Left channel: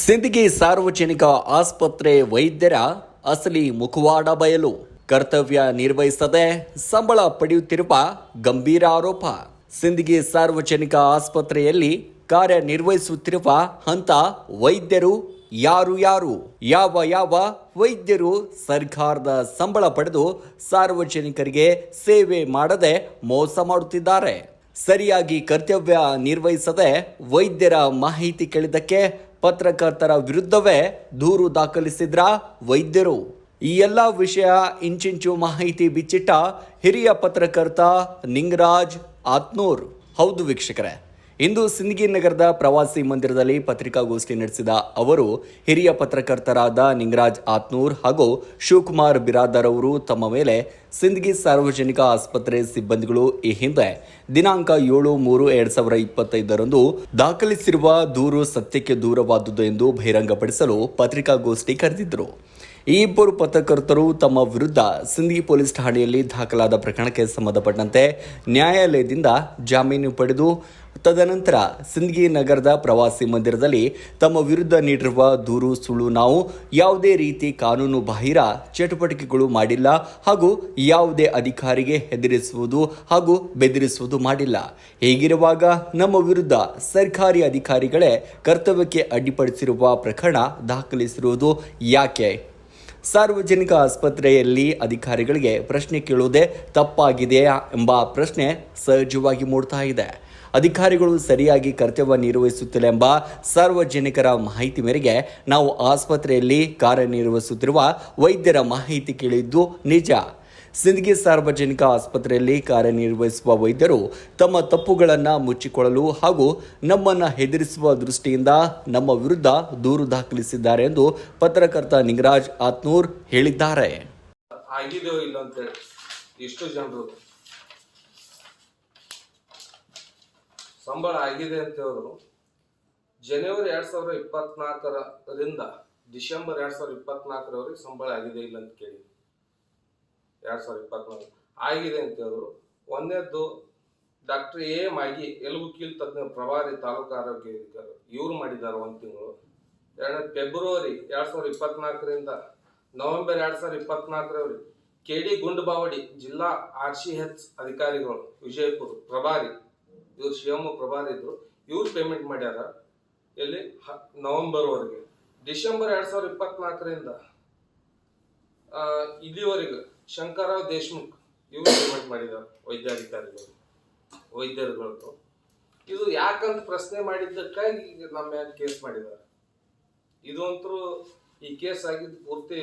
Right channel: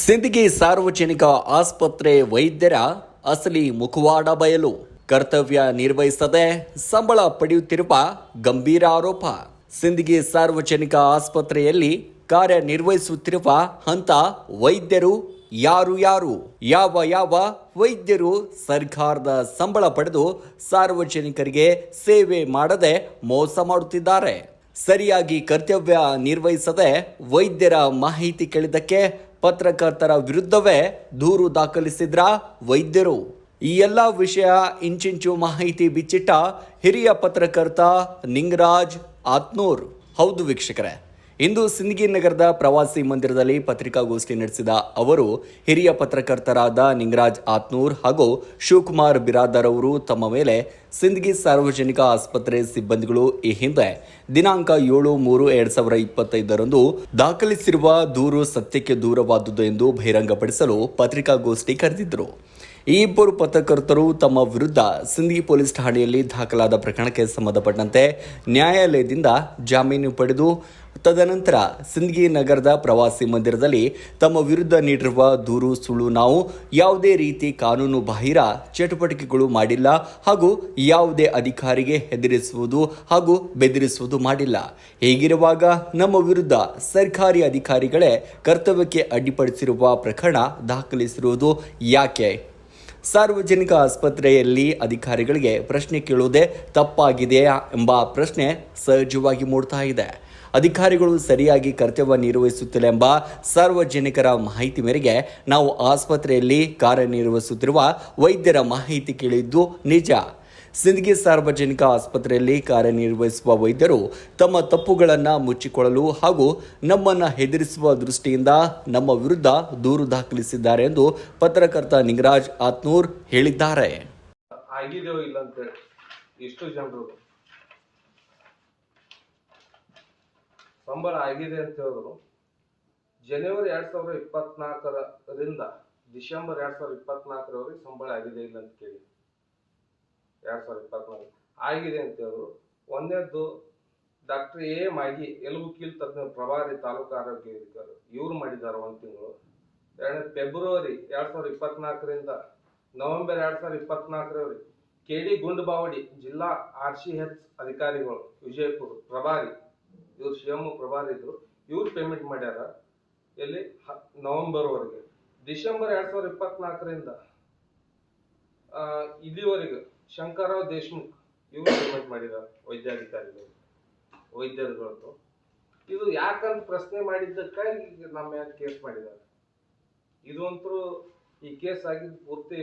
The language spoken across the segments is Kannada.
ಸಿಂದಗಿ ಸಾರ್ವಜನಿಕ ಆಸ್ಪತ್ರೆ ವೈದ್ಯರ ಅಸಲಿ ಮುಖವಾಡ ಬಯಲು. ಕರ್ತವ್ಯ ನಿರ್ವಹಿಸದೆ ಸಂಬಳ ಪಡೆಯುತ್ತಿರುವ ಗಂಭೀರ ಆರೋಪ. ಸಿಂದಗಿ ಸಾರ್ವಜನಿಕ ಆಸ್ಪತ್ರೆಯಲ್ಲಿ ಕಾರ್ಯನಿರ್ವಹಿಸುತ್ತಿರುವ ಹಂತ ವೈದ್ಯರು ಯಾರು ಯಾವ ವೈದ್ಯರು ಸರ್ಕಾರದ ಸಂಬಳ ಪಡೆದು ಸಾರ್ವಜನಿಕರಿಗೆ ಸೇವೆ ಮಾಡದೆ ಮೋಸ ಮಾಡುತ್ತಿದ್ದಾರೆ. ಸರಿಯಾಗಿ ಕರ್ತವ್ಯ ನಿರ್ವಹಿಸದೆ ವೈದ್ಯರ ಮಾಹಿತಿ ಕೇಳಿದ್ದಕ್ಕೆ ಪತ್ರಕರ್ತರ ವಿರುದ್ಧವೇ ದೂರು ದಾಖಲಿಸಿದ್ರ ವೈದ್ಯರು. ಈ ಎಲ್ಲ ವಿಷಯ ಇಂಚಿಂಚು ಮಾಹಿತಿ ಬಿಚ್ಚಿಟ್ಟ ಹಿರಿಯ ಪತ್ರಕರ್ತ ನಿಂಗರಾಜ್ ಆತ್ನೂರ್. ಹೌದು ವೀಕ್ಷಕರೇ, ಇಂದು ಸಿಂದಗಿ ನಗರದ ಪ್ರವಾಸಿ ಮಂದಿರದಲ್ಲಿ ಪತ್ರಿಕಾಗೋಷ್ಠಿ ನಡೆಸಿದ ಅವರು ಹಿರಿಯ ಪತ್ರಕರ್ತರಾದ ನಿಂಗರಾಜ್ ಆತ್ನೂರ್ ಹಾಗೂ ಶಿವಕುಮಾರ್ ಬಿರಾದರ್ ಅವರು ತಮ್ಮ ಮೇಲೆ ಸಿಂದಗಿ ಸಾರ್ವಜನಿಕ ಆಸ್ಪತ್ರೆ ಸಿಬ್ಬಂದಿಗಳು ಈ ಹಿಂದೆ ದಿನಾಂಕ 7/3/2025 ದಾಖಲಿಸಿರುವ ದೂರು ಸತ್ಯಕ್ಕೆ ದೂರವಾದುದು ಎಂದು ಬಹಿರಂಗಪಡಿಸಲು ಪತ್ರಿಕಾಗೋಷ್ಠಿ ಕರೆದಿದ್ದರು. ಈ ಇಬ್ಬರು ಪತ್ರಕರ್ತರು ತಮ್ಮ ವಿರುದ್ಧ ಸಿಂದಗಿ ಪೊಲೀಸ್ ಠಾಣೆಯಲ್ಲಿ ದಾಖಲಾದ ಪ್ರಕರಣಕ್ಕೆ ಸಂಬಂಧಪಟ್ಟಂತೆ ನ್ಯಾಯಾಲಯದಿಂದ ಜಾಮೀನು ಪಡೆದು ತದನಂತರ ಸಿಂದಗಿ ನಗರದ ಪ್ರವಾಸಿ ಮಂದಿರದಲ್ಲಿ ತಮ್ಮ ವಿರುದ್ಧ ನೀಡಿರುವ ದೂರು ಸುಳ್ಳು, ನಾವು ಯಾವುದೇ ರೀತಿ ಕಾನೂನು ಬಾಹಿರ ಚಟುವಟಿಕೆಗಳು ಮಾಡಿಲ್ಲ ಹಾಗೂ ಯಾವುದೇ ಅಧಿಕಾರಿಗೆ ಹೆದರಿಸುವುದು ಹಾಗೂ ಬೆದರಿಸುವುದು ಮಾಡಿಲ್ಲ. ಹೀಗಿರುವಾಗ ನಮ್ಮ ವಿರುದ್ಧ ಸರ್ಕಾರಿ ಅಧಿಕಾರಿಗಳೇ ಕರ್ತವ್ಯಕ್ಕೆ ಅಡ್ಡಿಪಡಿಸಿರುವ ಪ್ರಕರಣ ದಾಖಲಿಸಿರುವುದು ಯಾಕೆ? ಸಾರ್ವಜನಿಕ ಆಸ್ಪತ್ರೆಯಲ್ಲಿ ಅಧಿಕಾರಿಗಳಿಗೆ ಪ್ರಶ್ನೆ ಕೇಳುವುದೇ ತಪ್ಪಾಗಿದೆಯಾ ಎಂಬ ಪ್ರಶ್ನೆ ಸಹಜವಾಗಿ ಮೂಡ್ತಾ ಇದೆ. ಅಧಿಕಾರಿಗಳು ಸರಿಯಾಗಿ ಕರ್ತವ್ಯ ನಿರ್ವಹಿಸುತ್ತಿಲ್ಲ ಎಂಬ ಸಾರ್ವಜನಿಕರ ಮಾಹಿತಿ ಮೇರೆಗೆ ನಾವು ಆಸ್ಪತ್ರೆಯಲ್ಲಿ ಕಾರ್ಯನಿರ್ವಹಿಸುತ್ತಿರುವ ವೈದ್ಯರ ಮಾಹಿತಿ ಕೇಳಿದ್ದು ನಿಜ. ಸಿಂದಗಿ ಸಾರ್ವಜನಿಕ ಆಸ್ಪತ್ರೆಯಲ್ಲಿ ಕಾರ್ಯನಿರ್ವಹಿಸುವ ವೈದ್ಯರು ತಮ್ಮ ತಪ್ಪುಗಳನ್ನು ಮುಚ್ಚಿಕೊಳ್ಳಲು ಹಾಗೂ ನಮ್ಮನ್ನು ಹೆದರಿಸುವ ದೃಷ್ಟಿಯಿಂದ ನಮ್ಮ ವಿರುದ್ಧ ದೂರು ದಾಖಲಿಸಿದ್ದಾರೆ ಎಂದು ಪತ್ರಕರ್ತ ನಿಂಗರಾಜ್ ಆತ್ನೂರ್ ಹೇಳಿದ್ದಾರೆ. ಸಂಬಳ ಆಗಿದೆ ಅಂತ ಹೇಳಿದ್ರು. ಜನವರಿ 2024ರಿಂದ ಡಿಸೆಂಬರ್ 2024ರವರೆಗೆ ಸಂಬಳ ಆಗಿದೆ ಇಲ್ಲ ಅಂತ ಕೇಳಿ 2024 ಆಗಿದೆ ಅಂತ ಹೇಳಿದ್ರು. ಒಂದನೇದ್ದು ಡಾಕ್ಟರ್ ಎ ಮಾಗಿ ಎಲುಬು ಕೀಲು ತಜ್ಞ ಪ್ರಭಾರಿ ತಾಲೂಕು ಆರೋಗ್ಯ ಅಧಿಕಾರಿ ಇವ್ರು ಮಾಡಿದ್ದಾರೆ 1 ತಿಂಗಳು. ಎರಡನೇ ಫೆಬ್ರವರಿ 2024ರಿಂದ ನವೆಂಬರ್ 2024ರವರೆಗೆ ಕೆಡಿ ಗುಂಡಬಾವಡಿ ಜಿಲ್ಲಾ RCH ಅಧಿಕಾರಿಗಳು ವಿಜಯಪುರ ಪ್ರಭಾರಿ, ಇವ್ರು ಶಿವಮೊಗ್ಗ ಪ್ರಭಾರಿ ಇದ್ರು, ಇವ್ರು ಪೇಮೆಂಟ್ ಮಾಡ್ಯಾರ ಎಲ್ಲಿ ನವೆಂಬರ್ ವರೆಗೆ. ಡಿಸೆಂಬರ್ 2024ರಿಂದ ಇಲ್ಲಿವರೆಗೆ ಶಂಕರರಾವ್ ದೇಶಮುಖ್ ಇವ್ರು ಪೇಮೆಂಟ್ ಮಾಡಿದ್ದಾರೆ ವೈದ್ಯರುಗಳದ್ದು. ಇದು ಯಾಕಂತ ಪ್ರಶ್ನೆ ಮಾಡಿದ್ದಕ್ಕಾಗಿ ನಮ್ಮ ಮೇಲೆ ಕೇಸ್ ಮಾಡಿದ್ದಾರೆ. ಇದು ಅಂತೂ ಈ ಕೇಸ್ ಆಗಿದ್ದು ಪೂರ್ತಿ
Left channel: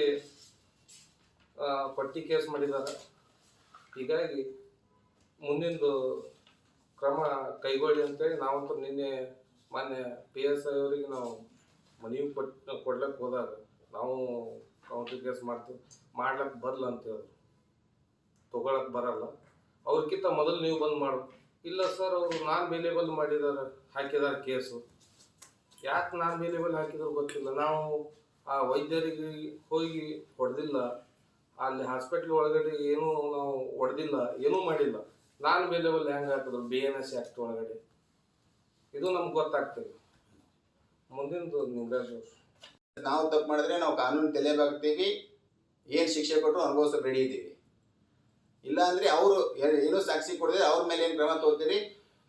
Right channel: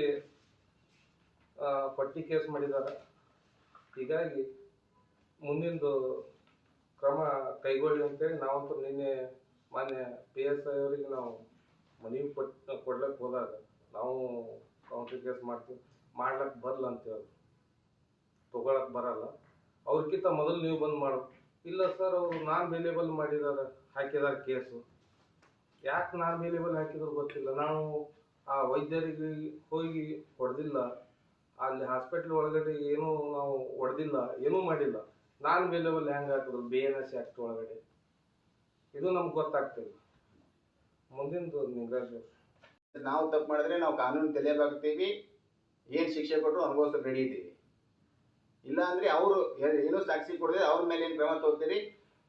ಪಟ್ಟಿ ಕೇಸ್ ಮಾಡಿದ್ದಾರೆ. ಹೀಗಾಗಿ ಮುಂದಿಂದು ಕ್ರಮ ಕೈಗೊಳ್ಳಿ ಅಂತೇಳಿ ನಾವಂತೂ ನಿನ್ನೆ ಮಾನ್ಯ PSI ಅವರಿಗೆ ನಾವು ಮನವಿ ಕೊಡ್ಲಕ್ಕೆ ಹೋದಾಗ ನಾವು ಕೌಂಟರ್ ಕೇಸ್ ಮಾಡ್ಲಕ್ ಬರಲ್ಲ ಅಂತ ಹೇಳಿ ತಗೊಳಕ್ ಬರಲ್ಲ, ಅವ್ರಕ್ಕಿಂತ ಮೊದಲು ನೀವು ಬಂದು ಮಾಡು. ಇಲ್ಲ ಸರ್, ಅವರು ನಾನ್ ವೇಲೇಬಲ್ ಹಾಕಿದಾರೆ ಕೇಸು. ಯಾಕೆ ನಾನ್ ವೇಲೇಬಲ್ ಹಾಕಿದ್ರು ಗೊತ್ತಿಲ್ಲ. ನಾವು ಆ ವೈದ್ಯರಿಗೆ ಹೋಗಿ ಹೊಡೆದಿಲ್ಲ, ಅಲ್ಲಿ ಹಾಸ್ಪಿಟ್ಲ್ ಒಳಗಡೆ ಏನೂ ನಾವು ಹೊಡೆದಿಲ್ಲ, ಏನೂ ಮಾಡಿಲ್ಲ. ನಾನ್ ವೇಲೇಬಲ್ ಹೆಂಗ್ ಹಾಕಿದ್ರು BNS ಆಕ್ಟ್ ಒಳಗಡೆ? ಇದು ನಮ್ಗೆ ಗೊತ್ತಾಗ್ತದೆ. ಮುಂದಿಂದು ನಿಂಗರಾಜ್ ನಾವು ತಪ್ಪು ಮಾಡಿದ್ರೆ ನಾವು ಕಾನೂನು ತಲೆಬಾಗ್ತೀವಿ, ಏನ್ ಶಿಕ್ಷೆ ಕೊಟ್ಟರು ಅನುಭವಿಸೋಕೆ ರೆಡಿ ಇದ್ದೀವಿ. ಇಲ್ಲ ಅಂದ್ರೆ ಅವರು ಏನೋ ಸಾಕ್ಷಿ ಕೊಡದೆ ಅವ್ರ ಮೇಲೆ ಏನ್ ಕ್ರಮ ತಗೋತೀರಿ?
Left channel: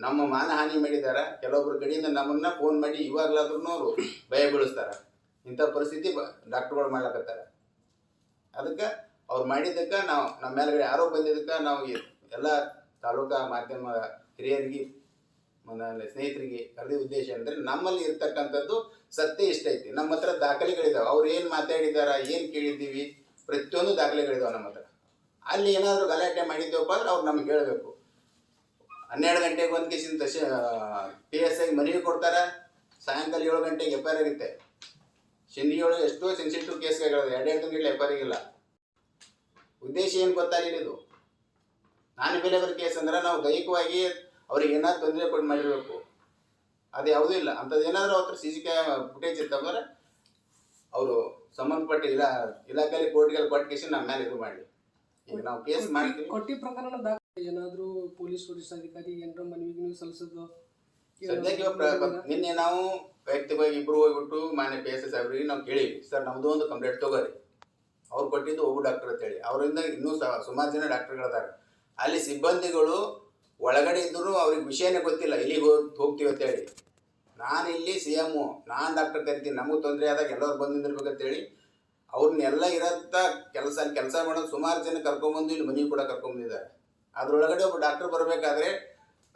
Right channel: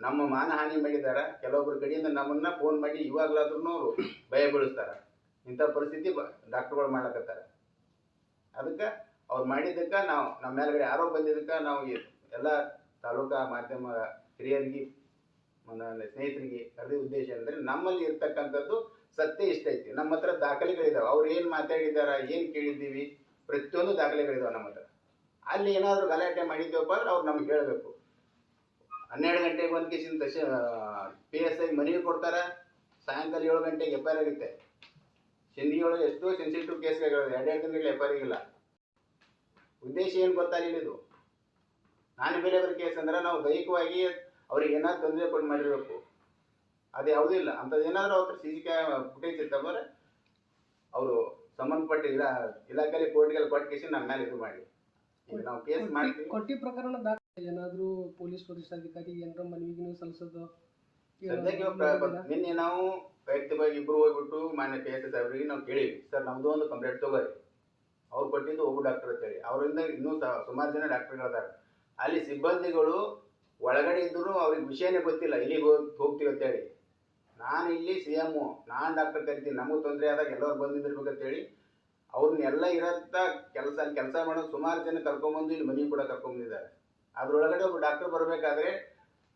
ನಮ್ಮ ಮಾನಹಾನಿ ಮಾಡಿದಾರ ಕೆಲವೊಬ್ಬರ ಕಡೆಯಿಂದ ನಮ್ಮನ್ನ ಫೋನ್ ಮಾಡಿ ಇವಾಗ್ಲಾದ್ರೂ ಅವರು ಭಯ ಬೀಳಿಸ್ತಾರ. ಇಂಥ ಪರಿಸ್ಥಿತಿ ಡಾಕ್ಟರ್ಗಳು ಮಾಡ್ಲಕತ್ತಾರ. ಅದಕ್ಕೆ ಅವ್ರು ಮಾಡಿದ್ದಕ್ಕ ನಾವು ನಮ್ಮ ಮೇಲ್ಗಡೆ ಆರೋಪ ಬಂದಿದ್ದಕ್ಕ ನಾವು ಎಲ್ಲ ತಾಲೂಕಾ ಮಾಧ್ಯಮ ಹಿರಿಯರಿಗೆ ಸ್ನೇಹಿತರಿಗೆ ಕರೆದ ಉದ್ದೇಶ ಅಂದ್ರೆ ನಮ್ಮಲ್ಲಿ ಇರ್ತಕ್ಕಂಥದ್ದು ಸತ್ಯ ಇಷ್ಟ ಐತಿ. ನಮ್ಮ ಹತ್ರ ದಾಖಲೆಗಳಿದಾವೆ. ಅವ್ರು ಏನ್ ಮಾತಾಡಿದಾರ, ಏನ್ ಕೇಳಿದ್ದೀವಿ, ಪ್ರತಿಯೊಂದು ದಾಖಲೆಗಳಿದಾವೆ ನಮ್ಮ ಹತ್ರ. ಅಲ್ಲಿ ಏನಾದ್ರು ಗಲಾಟೆ ಮಾಡಿದ್ದೇವಪ್ಪ ಅಂದ್ರೆ ಅವ್ರು ನಮ್ಗೆ ಹೇಳಬೇಕು. 12 ಗಂಟೆಗೆ ಒಂದು ಕೇಸಿಂದ PSI ಮನವಿ ಕೊಡ್ತಾರ, ಸಾಯಂಕಾಲ 7 ಗಂಟೆಗೆ FIR ಆಗುತ್ತೆ. ಸಿಂದಗಿ ಒಳಗೆ ಎಷ್ಟೋ ಸೆನ್ಸಿಟಿವ್ ಕೇಸ್ಗಳು 2 ಗಂಟೆ FIR ಆಗಿಲ್ಲ. ಉದ್ದೇಶ ಏನು ಗೊತ್ತಾಗಿಲ್ಲ. ಇದು ನಾನ್ ವೇಲೇಬಲ್ ಕೇಸ್ ಅಂದ್ರೆ ನಾವು ದೈಹಿಕವಾಗಿ ಅವ್ರಿಗೆ ಏನಾದ್ರು ತೊಂದರೆ ಕೊಟ್ಟು ಮಾಡಿರ್ಬೇಕು. ಅದು ಯಾವುದೂ ಇಲ್ಲ. ಅಂಥದ್ದು ಏನಾದ್ರು ಅವ್ರ CC ಫುಟೇಜ್ ಇರ್ತಂದ್ರೆ ಅವರು ಸಂಬಂಧಪಟ್ಟ ಇಲಾಖೆಯಲ್ಲಿ ಕೋರ್ಟ್ಗೆಲ್ಲ ಕೊಟ್ಟು ಕೇಸಿ ನಮ್ಮ ಮೇಲೆ ಇದು ಮಾಡಿ ಈಗ ನಾವು ಕೇಸ್ ಮಾಡ್ತೀವಿ. ಕೊಟ್ಟಿ ಪ್ರಕರಣ ಏನಾದರೂ ಪೊಲೀಸ್ ವರಿಷ್ಠಾಧಿಕಾರಿ ಏನಾರ ಮನವಿಗೆ ಸಲ್ಲಿಸೋದು ಸದ್ಯಕ್ಕೆ ನಿನ್ನೆ ನಾವು ವೈಯಕ್ತಿಕವಾಗಿ ಇಬ್ರು ಹೋಗ್ಬಿಟ್ಟು ಮಾನ್ಯ PSS ಅವರಿಗೆ ನಾವು ಕೇಳಿವಿ, ಸರ್ ನಮ್ದು ಒಂದು ಕಂಪ್ಲೇಂಟ್ ತಗೋರಿ. ಅವ್ರು ಕೊಟ್ಟಿದ್ದು ಒಬ್ಬ ಡಾಕ್ಟರ್ ಅಂತೇಳಿ, ಅವರಿಂದ ಇನ್ನೂ ಸುಮಾರು ಜನ ಡಾಕ್ಟರ್ಗಳಿದ್ದಾರೆ. ಅಲ್ಲಿ ಸಿಬ್ಬಂದಿಗಳು ಒಳಗಡೆ ಇದ್ದರೂ ಅವ್ರಿಗೆ ವಿಷಯನೇ ಗೊತ್ತಿಲ್ಲ, ಇಲ್ಲಿಗೆ ಹೋಗ್ತೀವಿ ಅಂತೇಳಿ. ನಾನು ಇಲ್ಲಿ CM, ನಾನು ಡಾಕ್ಟರ್ ಕರಿತೀನಿ, ನಮಗೂ ತೊಂದರೆ ಆದಾಗ ಎಲ್ಲರೂ ಬಂದು ನಿಂದಿರ್ಬೇಕಂತೇಳಿ ಅವ್ರನ್ನೆಲ್ಲ ಇರತ್ತ ಕೆಲಸ ಮಾಡೋದು ಸುಮಾರು ಜನ ಕರ್ಕೊಂಬಂದು ಇಲ್ಲಿ ಮನೆಗೆ ಕೂಡ ಕರ್ಕೊಂಬಂದಿದ್ದಾರೆ. ಅದ್ರೊಳಗಡೆ ಒಬ್ಬ ಡಾಕ್ಟರ್ ಬರಬೇಕಾದ್ರೆ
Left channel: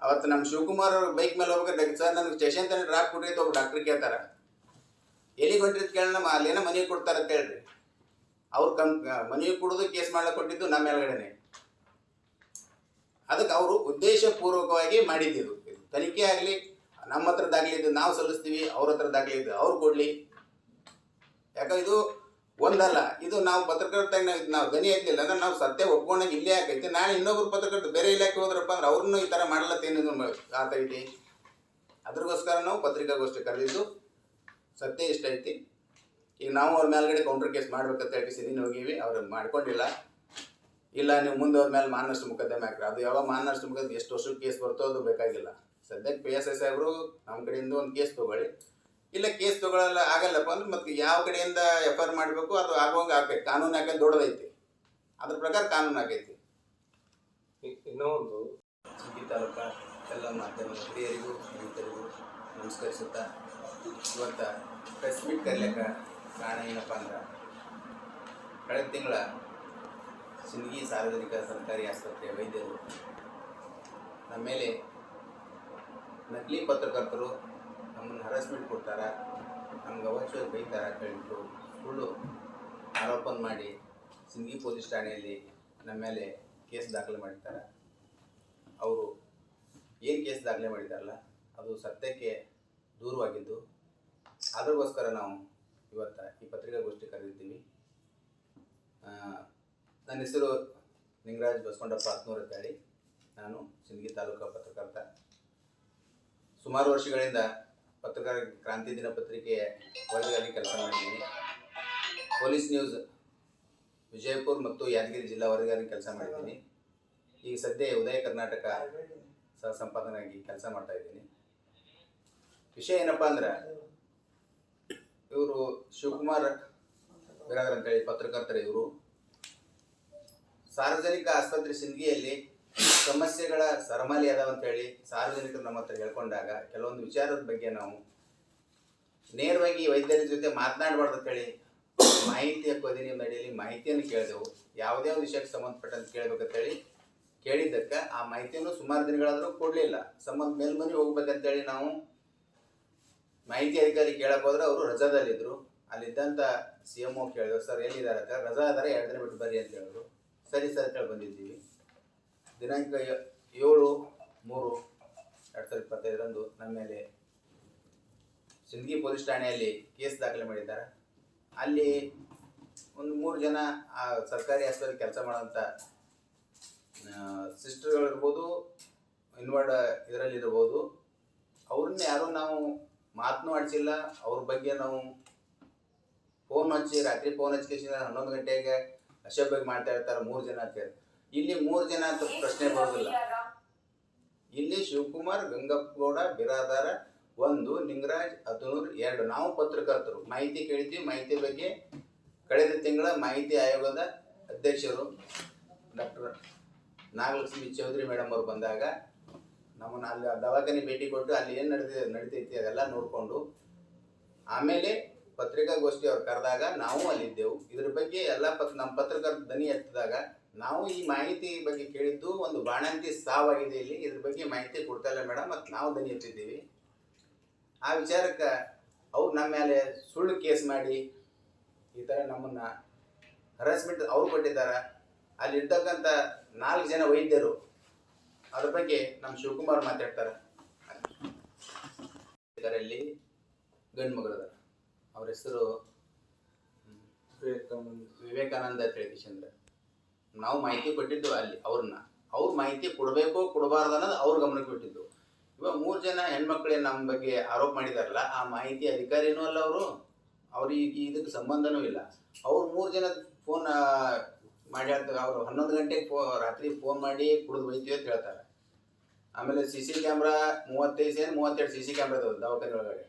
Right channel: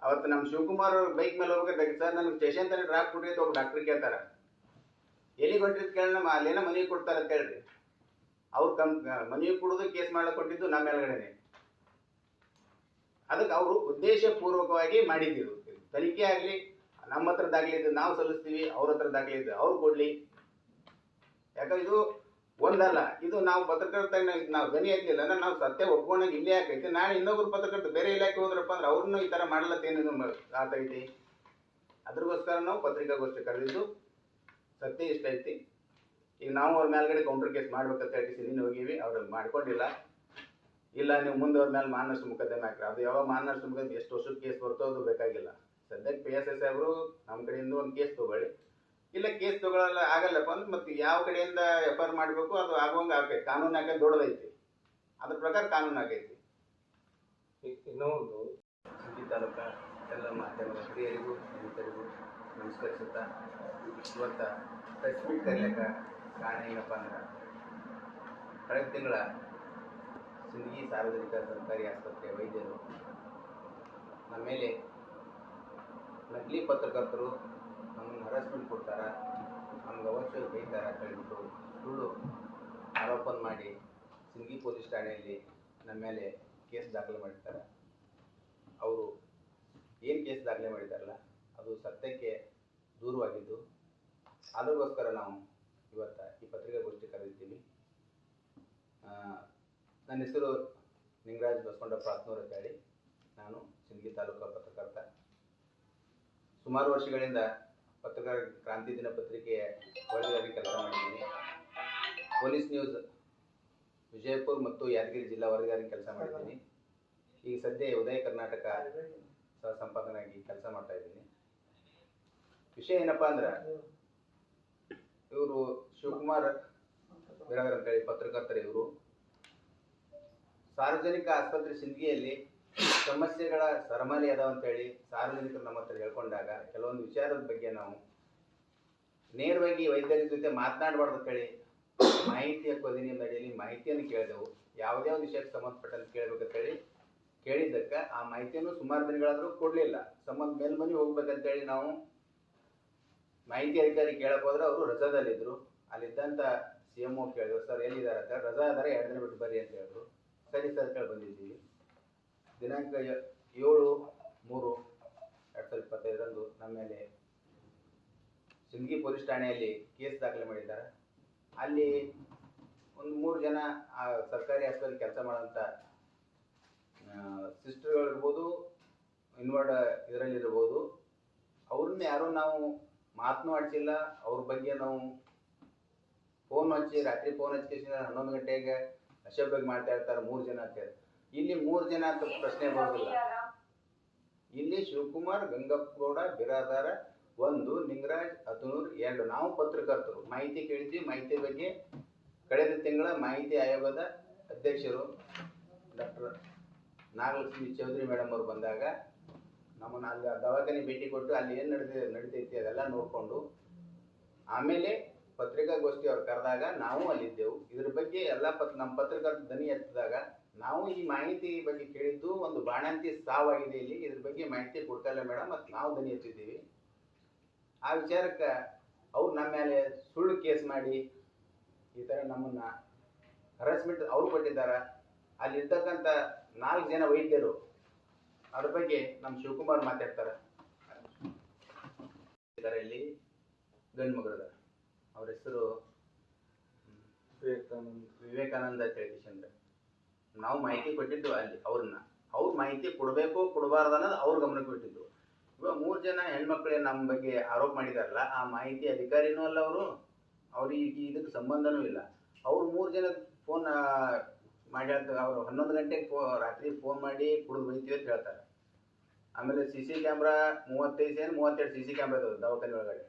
ಅವತ್ತು ನಮ್ಮ ಶಿವಕುಮಾರ್ ಬೈಕ್ ಮೇಲೆ ಹೋಗ್ಬೇಕಾದ್ರೆ, ಸರ್ ನನಗೆ ಸ್ಟೇಷನ್ ತನಕ ಡ್ರಾಪ್ ಕೊಡ್ರಿ ಅಂತ ಒಬ್ಬ ಡಾಕ್ಟರ್ ಕೇಳ್ತಾರೆ. ಎಲ್ಲಿ ಹೊಂಟಿದ್ ಕೇಳೋಣ, ಅಲ್ಲೇನೋ ಮನೆಗೆ ಕೊಡ್ತಾರೆ ಅಂತ ಹೇಳ್ರಿ. ಅವ್ರು ಮನೆಗೆ ಕೊಡೋದು ಕೇಸ್ ಮಾಡಕ್ಕೆ ಕೊಟ್ಟಿದ್ದು ನಮ್ಮ ಮೇಲ್ಗಡೆನೆ. ಅದಕ್ಕೆ ಅವರು ಉದ್ದೇಶಪೂರ್ವಕವಾಗಿ ಮಾಡಿದ್ದು. ತನಿಖೆ ಆಗಲಿ, ನಮ್ಮ ಹತ್ರ ದಾಖಲಿದ್ದು ನಾವು ಸಲ್ಲಿಸ್ತೀವಿ, ಅವ್ರ ಹತ್ರ ದಾಖಲಿದ್ದು ಅವ್ರು ಕೊಡ್ಲಿ. ಯಾಕಂದ್ರೆ ಇದು ಒಂದಲ್ಲ, ಇದು ನಾವು ಪತ್ರಕರ್ತ ನಾವು ದನಿ ಆಗ್ಲಿಲ್ಲ ಅಂದ್ರೆ ನಾವು ಸತ್ಯ ಒಪ್ಕೊಂಡಾಗ ಇಲ್ಲೇ ಆಕೈತಿ. ನಾಳೆ ಇನ್ನೊಬ್ರು ಪತ್ರಕರ್ತ ಬೇರೆ ಇಲಾಖೆ ಹೋದ್ರಪ್ಪ ಅಂದ್ರೆ ಅವ್ರನ್ನೂ ಈ ಥರ ಮಾಡ್ಲತ್ತೇನು ಆಗ್ತೈತಿ. ಅದ್ರಗೋಸ್ಕರ ನಾವು ಪತ್ರಿಕಾಗೋಷ್ಠಿ ಕರೆದಿದ್ದು. ಸತ್ಯ ಇಷ್ಟ ಐತಿ. ಈಗ ನಾವು ಅವ್ರ ಮೇಲ್ಗಡೆ ಕೌಂಟರ್ ಕೇಸ್ ಮಾಡ್ಬೇಕಂತ ಹೇಳಿ ನೀನು ಹೋಗಿವಿ, ಅವ್ರು ಮಾಡ್ಕೊಂಡಿಲ್ಲ. ಇಲ್ಲ ನೀವು ಮುಂದೆ ಅವ್ರ ಮೇಲೆ ಮಾನನಷ್ಟ ಮೊಕದ್ದಮೆ ಹಾಕ್ರಿ. ಅದು ಯಾವಾಗ ಮಾನನಷ್ಟ ಮೊಕದ್ದಮೆ ಎಷ್ಟು ವರ್ಷಕ್ಕೆ ಕೇಸ್ ಬರ್ತೋ ಅದು ಬೇಕಾಗಿಲ್ಲ. ಸದ್ಯಕ್ಕೆ PSS ಸಾಹೇಬರು ನಮ್ಮ ಕಡೆಯಿಂದ ಒಂದು ಕೇಸ್ ತೊಗೊಳ್ಳಿ. ಇಲ್ಲ ಕೇಸ್ ತೊಗೊಳ್ಳಲ್ಲ ಆಗಲ್ಲಪ್ಪ ಅಂದ್ರೆ ಮತ್ತೆ ಯಾವ ಕಡೆಯಿಂದ FIR ಮಾಡಬೇಕು ಅದು ಆಗುವಂಗೆ ಆಕೈತಿ. ಕಾನೂನು ಹಾಕೈತಿ, ದೊಡ್ಡದೈತಿ. ಅದ್ರ ಪ್ರಕಾರ ಕಾನೂನು ಆಗೈತಿ. ಇನ್ನೂ ಒಂದು ಈ ತಾಲೂಕ ಎಲ್ಲ ಮಾಧ್ಯಮ ಹಿರಿಯರಿಗೂ ರೈತರಿಗೂ ನಮಸ್ಕರಿಸುತ್ತಾ, ಇವತ್ತು ಪ್ರೆಸ್ ಮೀಟ್ ಕರೀಲಿಕ್ಕೆ ಕಾರಣ ಏನಪ್ಪ ಅಂದ್ರೆ, ಕಳೆದ ತಿಂಗಳ ಸಿಂದಗಿ ಸಾರ್ವಜನಿಕ ಸರ್ಕಾರಿ ಆಸ್ಪತ್ರೆ ವೈದ್ಯರು ನಮ್ಮ ಮೇಲೆ ನಕಲಿ ಪತ್ರಕರ್ತರು ನಮ್ಮನ್ನು ಹರಾಸ್ಮೆಂಟ್ ಕೊಡ್ತಾರ, ನಮ್ಗೆ ಅವಶ್ಯ ಬೈತಾರ ಅಂತ ಹೇಳ್ಬಿಟ್ಟು ಸುಳ್ಳು ಆರೋಪ ಮಾಡಿ ಸಿಂದಗಿ ಪೊಲೀಸ್ ಠಾಣೆಯಲ್ಲಿ ನಮ್ಮ ಮೇಲೆ ಕೇಸ್ ದಾಖಲೆ ಮಾಡಿದ್ದಾರೆ. ಅವರು ಏನು ಕೇಸ್ ದಾಖಲೆ ಮಾಡಿದಾರಲ್ಲ ಅದು ಸತ್ಯಕ್ಕೆ ದೂರವಾಗಿದ್ದು, ಅದಕ್ಕೋಸ್ಕರ ನಾವು ಇವತ್ತು ಈ ಪತ್ರಿಕಾಗೋಷ್ಠಿ ಕರೆದಿದ್ದೀವಿ. ನನ್ನ ಹೆಸರು ನಿಂಗರಾಜ್ ಬಸಕೊಂಡಪ್ಪ ಹತ್ನೂರು ಅಂತೇಳಿ. ನಾನು ಸಿಂದಗಿ ತಾಲೂಕು ಪತ್ರಕರ್ತ. ಸುಮಾರು ವರ್ಷಗಳಿಂದ ಪತ್ರಕಾರ ಕ್ರಾಂತಿ ದಿನಪತ್ರಿಕೆಯ ವರದಿಯಾಗಿ ಕೆಲಸ ಮಾಡಿದ್ದೀನಿ. ಪೊಲೀಸ್ ನ್ಯೂಸ್ ವಿಜಯಪುರ ಮತ್ತು ಯಾದಗಿರಿ ಜಿಲ್ಲಾ ವರದಿಯಾಗಿ ಕೆಲಸ ಮಾಡಿದ್ದೀನಿ. ಈಗ ಸದ್ಯ ಉದಯ ಕರ್ನಾಟಕ ಸಹ ಸಂಪಾದನಾಗಿ ಕೆಲಸ ಮಾಡ್ತಾ ಇದ್ದೀನಿ. ವಿಷಯ ಏನಪ್ಪ ಅಂದ್ರೆ, ಇವರು ಶಿವಕುಮಾರ್ ಬಿರಾದರ್ ಅಂತೇಳಿ ಪತ್ರಕರ್ತರು. ಇವರು ಸಾರ್ವಜನಿಕ ಆಸ್ಪತ್ರೆ ಸಿಂದಗಿಯಲ್ಲಿ ಸಮಸ್ಯೆಗಳ ಸರಮಾಲೆ ಅದಾವ ಅಂತೇಳಿ ಸಾರ್ವಜನಿಕರು ನಮ್ಮ ಹತ್ರ ಹೇಳ್ಕೊಂಡಾಗ ಕೆಲವೊಂದು ವಿಚಾರದ ಬಗ್ಗೆ ನಾವು ನೇರವಾಗಿ ವೈದ್ಯರ ಜೊತೆ ಮಾತನಾಡಬಾರ್ದು ಅಂತೇಳಿ ಮಾಹಿತಿ ಹಕ್ಕು ಅಧಿನಿಯಮ ಅಡಿಯಲ್ಲಿ ಮಾಹಿತಿಯನ್ನು ಕೇಳಿದೆವು. ಯಾವುದೇ ಒಂದು ವಿಷಯಕ್ಕೆ ಸಂಬಂಧಪಟ್ಟಂತೆ ಕೇಳಬೇಕಂತೇಳಿ ಕೇಳಿದ್ದಕ್ಕೆ ಆ ಮಾಹಿತಿಯನ್ನು ಸುಮಾರು ದಿನಗಳಾದರೂ ಕೊಡಲಿಲ್ಲ. ಮೇಲ್ಮನೆ ಹೋಗ್ಬೇಕಂತೇಳಿ ನಾವು ಮಾಹಿತಿ ಅಧಿಕಾರಿ ಕೇಳಕ್ಕೆ ಹೋದ್ರೆ ಅವರು ರಜಾದಲ್ಲಿದ್ದರು. ಅಲ್ಲಿದ್ದಂಥ CMO ಕೇಳಿದ್ರು, ಸರ್ ಎಲ್ಲಿದ್ದಾರೆ ಅಂತ. ರಜಾ ಆದರೆ 2 ದಿನ ಬಿಟ್ಟು ಬರ್ರಿ ಅಂತ ಹೇಳಿದ್ರು. ಸರಿ ಸರ್ ಅಂತೇಳಿ ಬಂದಿದ್ದೀವಿ. ದಿನಾಂಕ 7/3/2025 ನಮ್ಮ ಮೇಲೆ ಸಿಂದಗಿ ಪೊಲೀಸ್ ಠಾಣೆಯಲ್ಲಿ ಕೇಸ್ ದಾಖಲೆ ಮಾಡಿದ್ದಾರೆ. ಅಲ್ಲಿ ಒಂದು 3 ಜನ ಆ ಸರ್ಕಾರಿ ಆಸ್ಪತ್ರೆ ಕೆಲಸ ಮಾಡೋಂಥ ಸಿಸ್ಟರ್ಗಳಿರ್ಬೋದು, ಇನ್ವರ್ಡ್ ಇದರಲ್ಲಿರ್ಬೋದು, ಅವ್ರನ್ನ ಯಾರೂ ನಾವು ಮಾತನ್ನೂ ಆಡಿಸಿಲ್ಲ. ಅವ್ರ ಬಗ್ಗೆ ನಾವು ರಾತ್ರಿ ಫೋನ್ ಹಚ್ಚಿ 11 ಗಂಟೆಗೆ ಅಶಭ್ಯವಾಗಿ ಮಾಡ್ತಾ ಇರ್ತಾರೆ 3 ಜನ ಅಂತ ಹೇಳಿ. ಇಲ್ಲಿ 3 ಜನ ಅಂತ ಪ್ರಶ್ನೆ ಬರೋದಿಲ್ಲ. ಇಲ್ಲಿ ಶಿವಕುಮಾರ್ ಗಂಗಪ್ಪಗೌಡ ಬಿರಾದಾರ 1, ನಿಂಗರಾಜ್ ಹತ್ನೂರು 2 ನಾವು ಪತ್ರಕರ್ತರು. ಮಾಹಿತಿ ಕೇಳಿದ್ವಿ. ಮಾಹಿತಿ ಬಗ್ಗೆ ಕಳೆದ ತಿಂಗಳ ಮಾಹಿತಿ ಆಯೋಗದ ಅಧ್ಯಕ್ಷರು ಡಾಕ್ಟರ್ ನಾಗಲಕ್ಷ್ಮಿ ಚೌಧರಿ ಮೇಡಮ್ ಅವರು ಬಂದಾಗ ನಮ್ಮನ್ನು ಅಲ್ಲಿ ದವಾಖಾನೆ ಭೇಟಿ ಕೊಟ್ಟು ಅಲ್ಲಿ ಏನು ನಡೀತೈತಿ ಅದೆಲ್ಲ ನೋಡಿಕೊಂಡು ಆಮೇಲೆ ಪತ್ರಿಕಾಗೋಷ್ಠಿ ಅವ್ರು ಕರೆದಾಗ ನಾವು ಅಲ್ಲಿದ್ದೆವು. ಇದ್ರ ಬಗ್ಗೆ ಎಲ್ಲ ನಮ್ಮ ಪತ್ರಕರ್ತ ದನಿ ಎತ್ತಿದಾಗ ನಾವು ಈ ಮಾಹಿತಿ ಬಗ್ಗೆ ಕೇಳಿದ್ದು ಒಂದು ಬಾಣಂತಿ ಸಾವಾಗಿದೆ, ಇಲ್ಲಿ ಇದ್ರ ಬಗ್ಗೆ ಮಾಹಿತಿ ಕೊಡ್ತಾ ಇಲ್ಲ ಮೇಡಮ್, ಮತ್ತು ನಾವು ದನಿ ಎತ್ತಿದ್ದೀವಿ. ಆ ವಿಚಾರಕ್ಕೆ ಅವ್ರು ನಮ್ಮ ಮೇಲೆ ಸುಳ್ಳು ಕೇಸ್ ಮಾಡಿ ಈ ಥರ ನಮ್ಮನ್ನು ಹರಾಸ್ಮೆಂಟ್ ಅವ್ರು ಕೊಟ್ಟಿದ್ದಾರೆ. ಅಲ್ಲಿರ್ತಕ್ಕಂಥ 4 ಜನ ವೈದ್ಯರು ಅದ್ರ ಬಗ್ಗೆ ನಮ್ಮ ಶಿವಕುಮಾರ್ ಮಾತಾಡ್ತಾರೆ. ಇದರಲ್ಲಿ ಗಂಡು ಮಗಳದ ಅವ್ರ ಹೆಸರು ವಿವೇಕಾನಂದ ತಿಳಿಕಿಶಂದ್ರ. ನಾವು ಮಾಹಿತಿ ಕೊಟ್ಟಿದ್ದು ಅಲ್ಲಿ ಅವ್ರ ಮಾಹಿತಿ ಕೊಡಬೇಕೋ ಕೊಡಬಾರ್ದು ಅನ್ನೋದು ಅವ್ರ ಗಮನಕ್ಕೆ ಬಿಟ್ಟಿದ್ದು. ಇವಾಗ 3 ಜನ ಹೆಣ್ಮಕ್ಳೇ ನಮ್ಮ ಬಗ್ಗೆ ಆರೋಪ ಮಾಡಿದಾರಲ್ಲ, ಆ ಮಾಹಿತಿ ಅಧಿಕಾರಿನೂ ಅಲ್ಲ ಅವ್ರಿಗೆ ಇದಕ್ಕೆ ಸಂಬಂಧನೂ ಇಲ್ಲ. ಅವ್ರು 3 ಜನ ಫೋನ್ ಮಾಡಿ ಅವ್ರು 11 ಗಂಟೆಗೆ ರಾತ್ರಿ ಫೋನ್ ಮಾಡಿ ಕುಡಿದು ಬೈತೀವಿ ಅಂತ ಹೇಳ್ತಾರೆ. ಆಮೇಲೆ CC ಕ್ಯಾಮ್ರಾ 32 CC ಕ್ಯಾಮ್ರಾ ಇದಾವೆ ದವಾಖಾನೆ ಒಳಗಡೆ.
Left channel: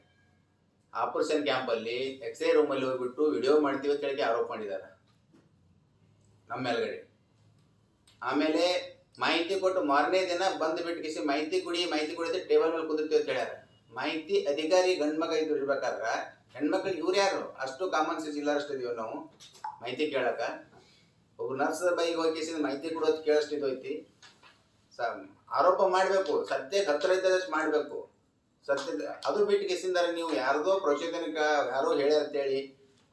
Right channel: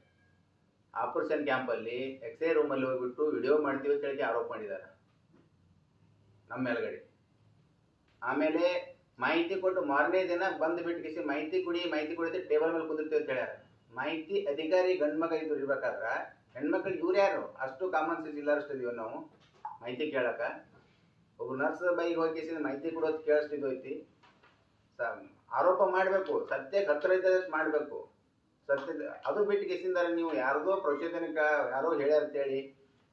ಆಪರೇಷನ್ ಕ್ಯಾಂಪಲ್ಲಿ ಎಕ್ಸ್ರೇ ರೂಮಲ್ಲಿ ಹೋಗ್ಬಿಟ್ಟು ವಿಡಿಯೋ ಮಾಡ್ತೀವಿ ಅಂತ ಹೇಳಿ ಆರೋಪ ಮಾಡಿದ್ದಾರೆ ನಮ್ಮ ಮೇಲ್ಗಡೆ. ಆಮೇಲೆ ಮಾಹಿತಿ ಕೊಟ್ಟು ಮಾರನೇ ದಿನ ಬಂದು ಬಿಟ್ಟು ಮಾಹಿತಿ ಕುಡಿದು ಟೇಬಲ್ ಮೇಲೆ ಕುಂದಿರ್ತೀವಿ ಅಂತ ಹೇಳ್ಯಾರ. ಮಾಹಿತಿ ಅಧಿಕಾರಿ ಗಂಡು ಮಗ ಇರ್ಬೇಕಾದ್ರ ಹೆಣ್ಮಕ್ಳಿಗೆ ಇವ್ರು ಯಾರು? ಅಷ್ಟು ಕಾಮನ್ ಸೆನ್ಸ್ ಇಲ್ಲಾರಷ್ಟು ಇದೀವಿ ನಾವು ಮಾಹಿತಿ ಕೇಳಕ. ಒಬ್ಬ ನರ್ಸ್ ಬೈಗೆ ಹೋಗಿ ಮಾಹಿತಿ ಕೊಡೋದು ಕೇಳಷ್ಟು ಐತಿ. ಆರೋಪ ಮಾಡಬೇಕು, ಸತ್ಯಕ್ಕೆ ಹತ್ತಿರ ಇದ್ದಷ್ಟು ಮಾಡಬೇಕು. ಸತ್ಯ ಅದು ಬಿಟ್ಟು ಕೇಸಿಂದಾರೆ ನೀವು ಯಾರ್ದೋ ಪ್ರಚೋದನಕ ಯಾರೋ ಹೇಳ್ಯಾರ ಅಂತೇಳಿ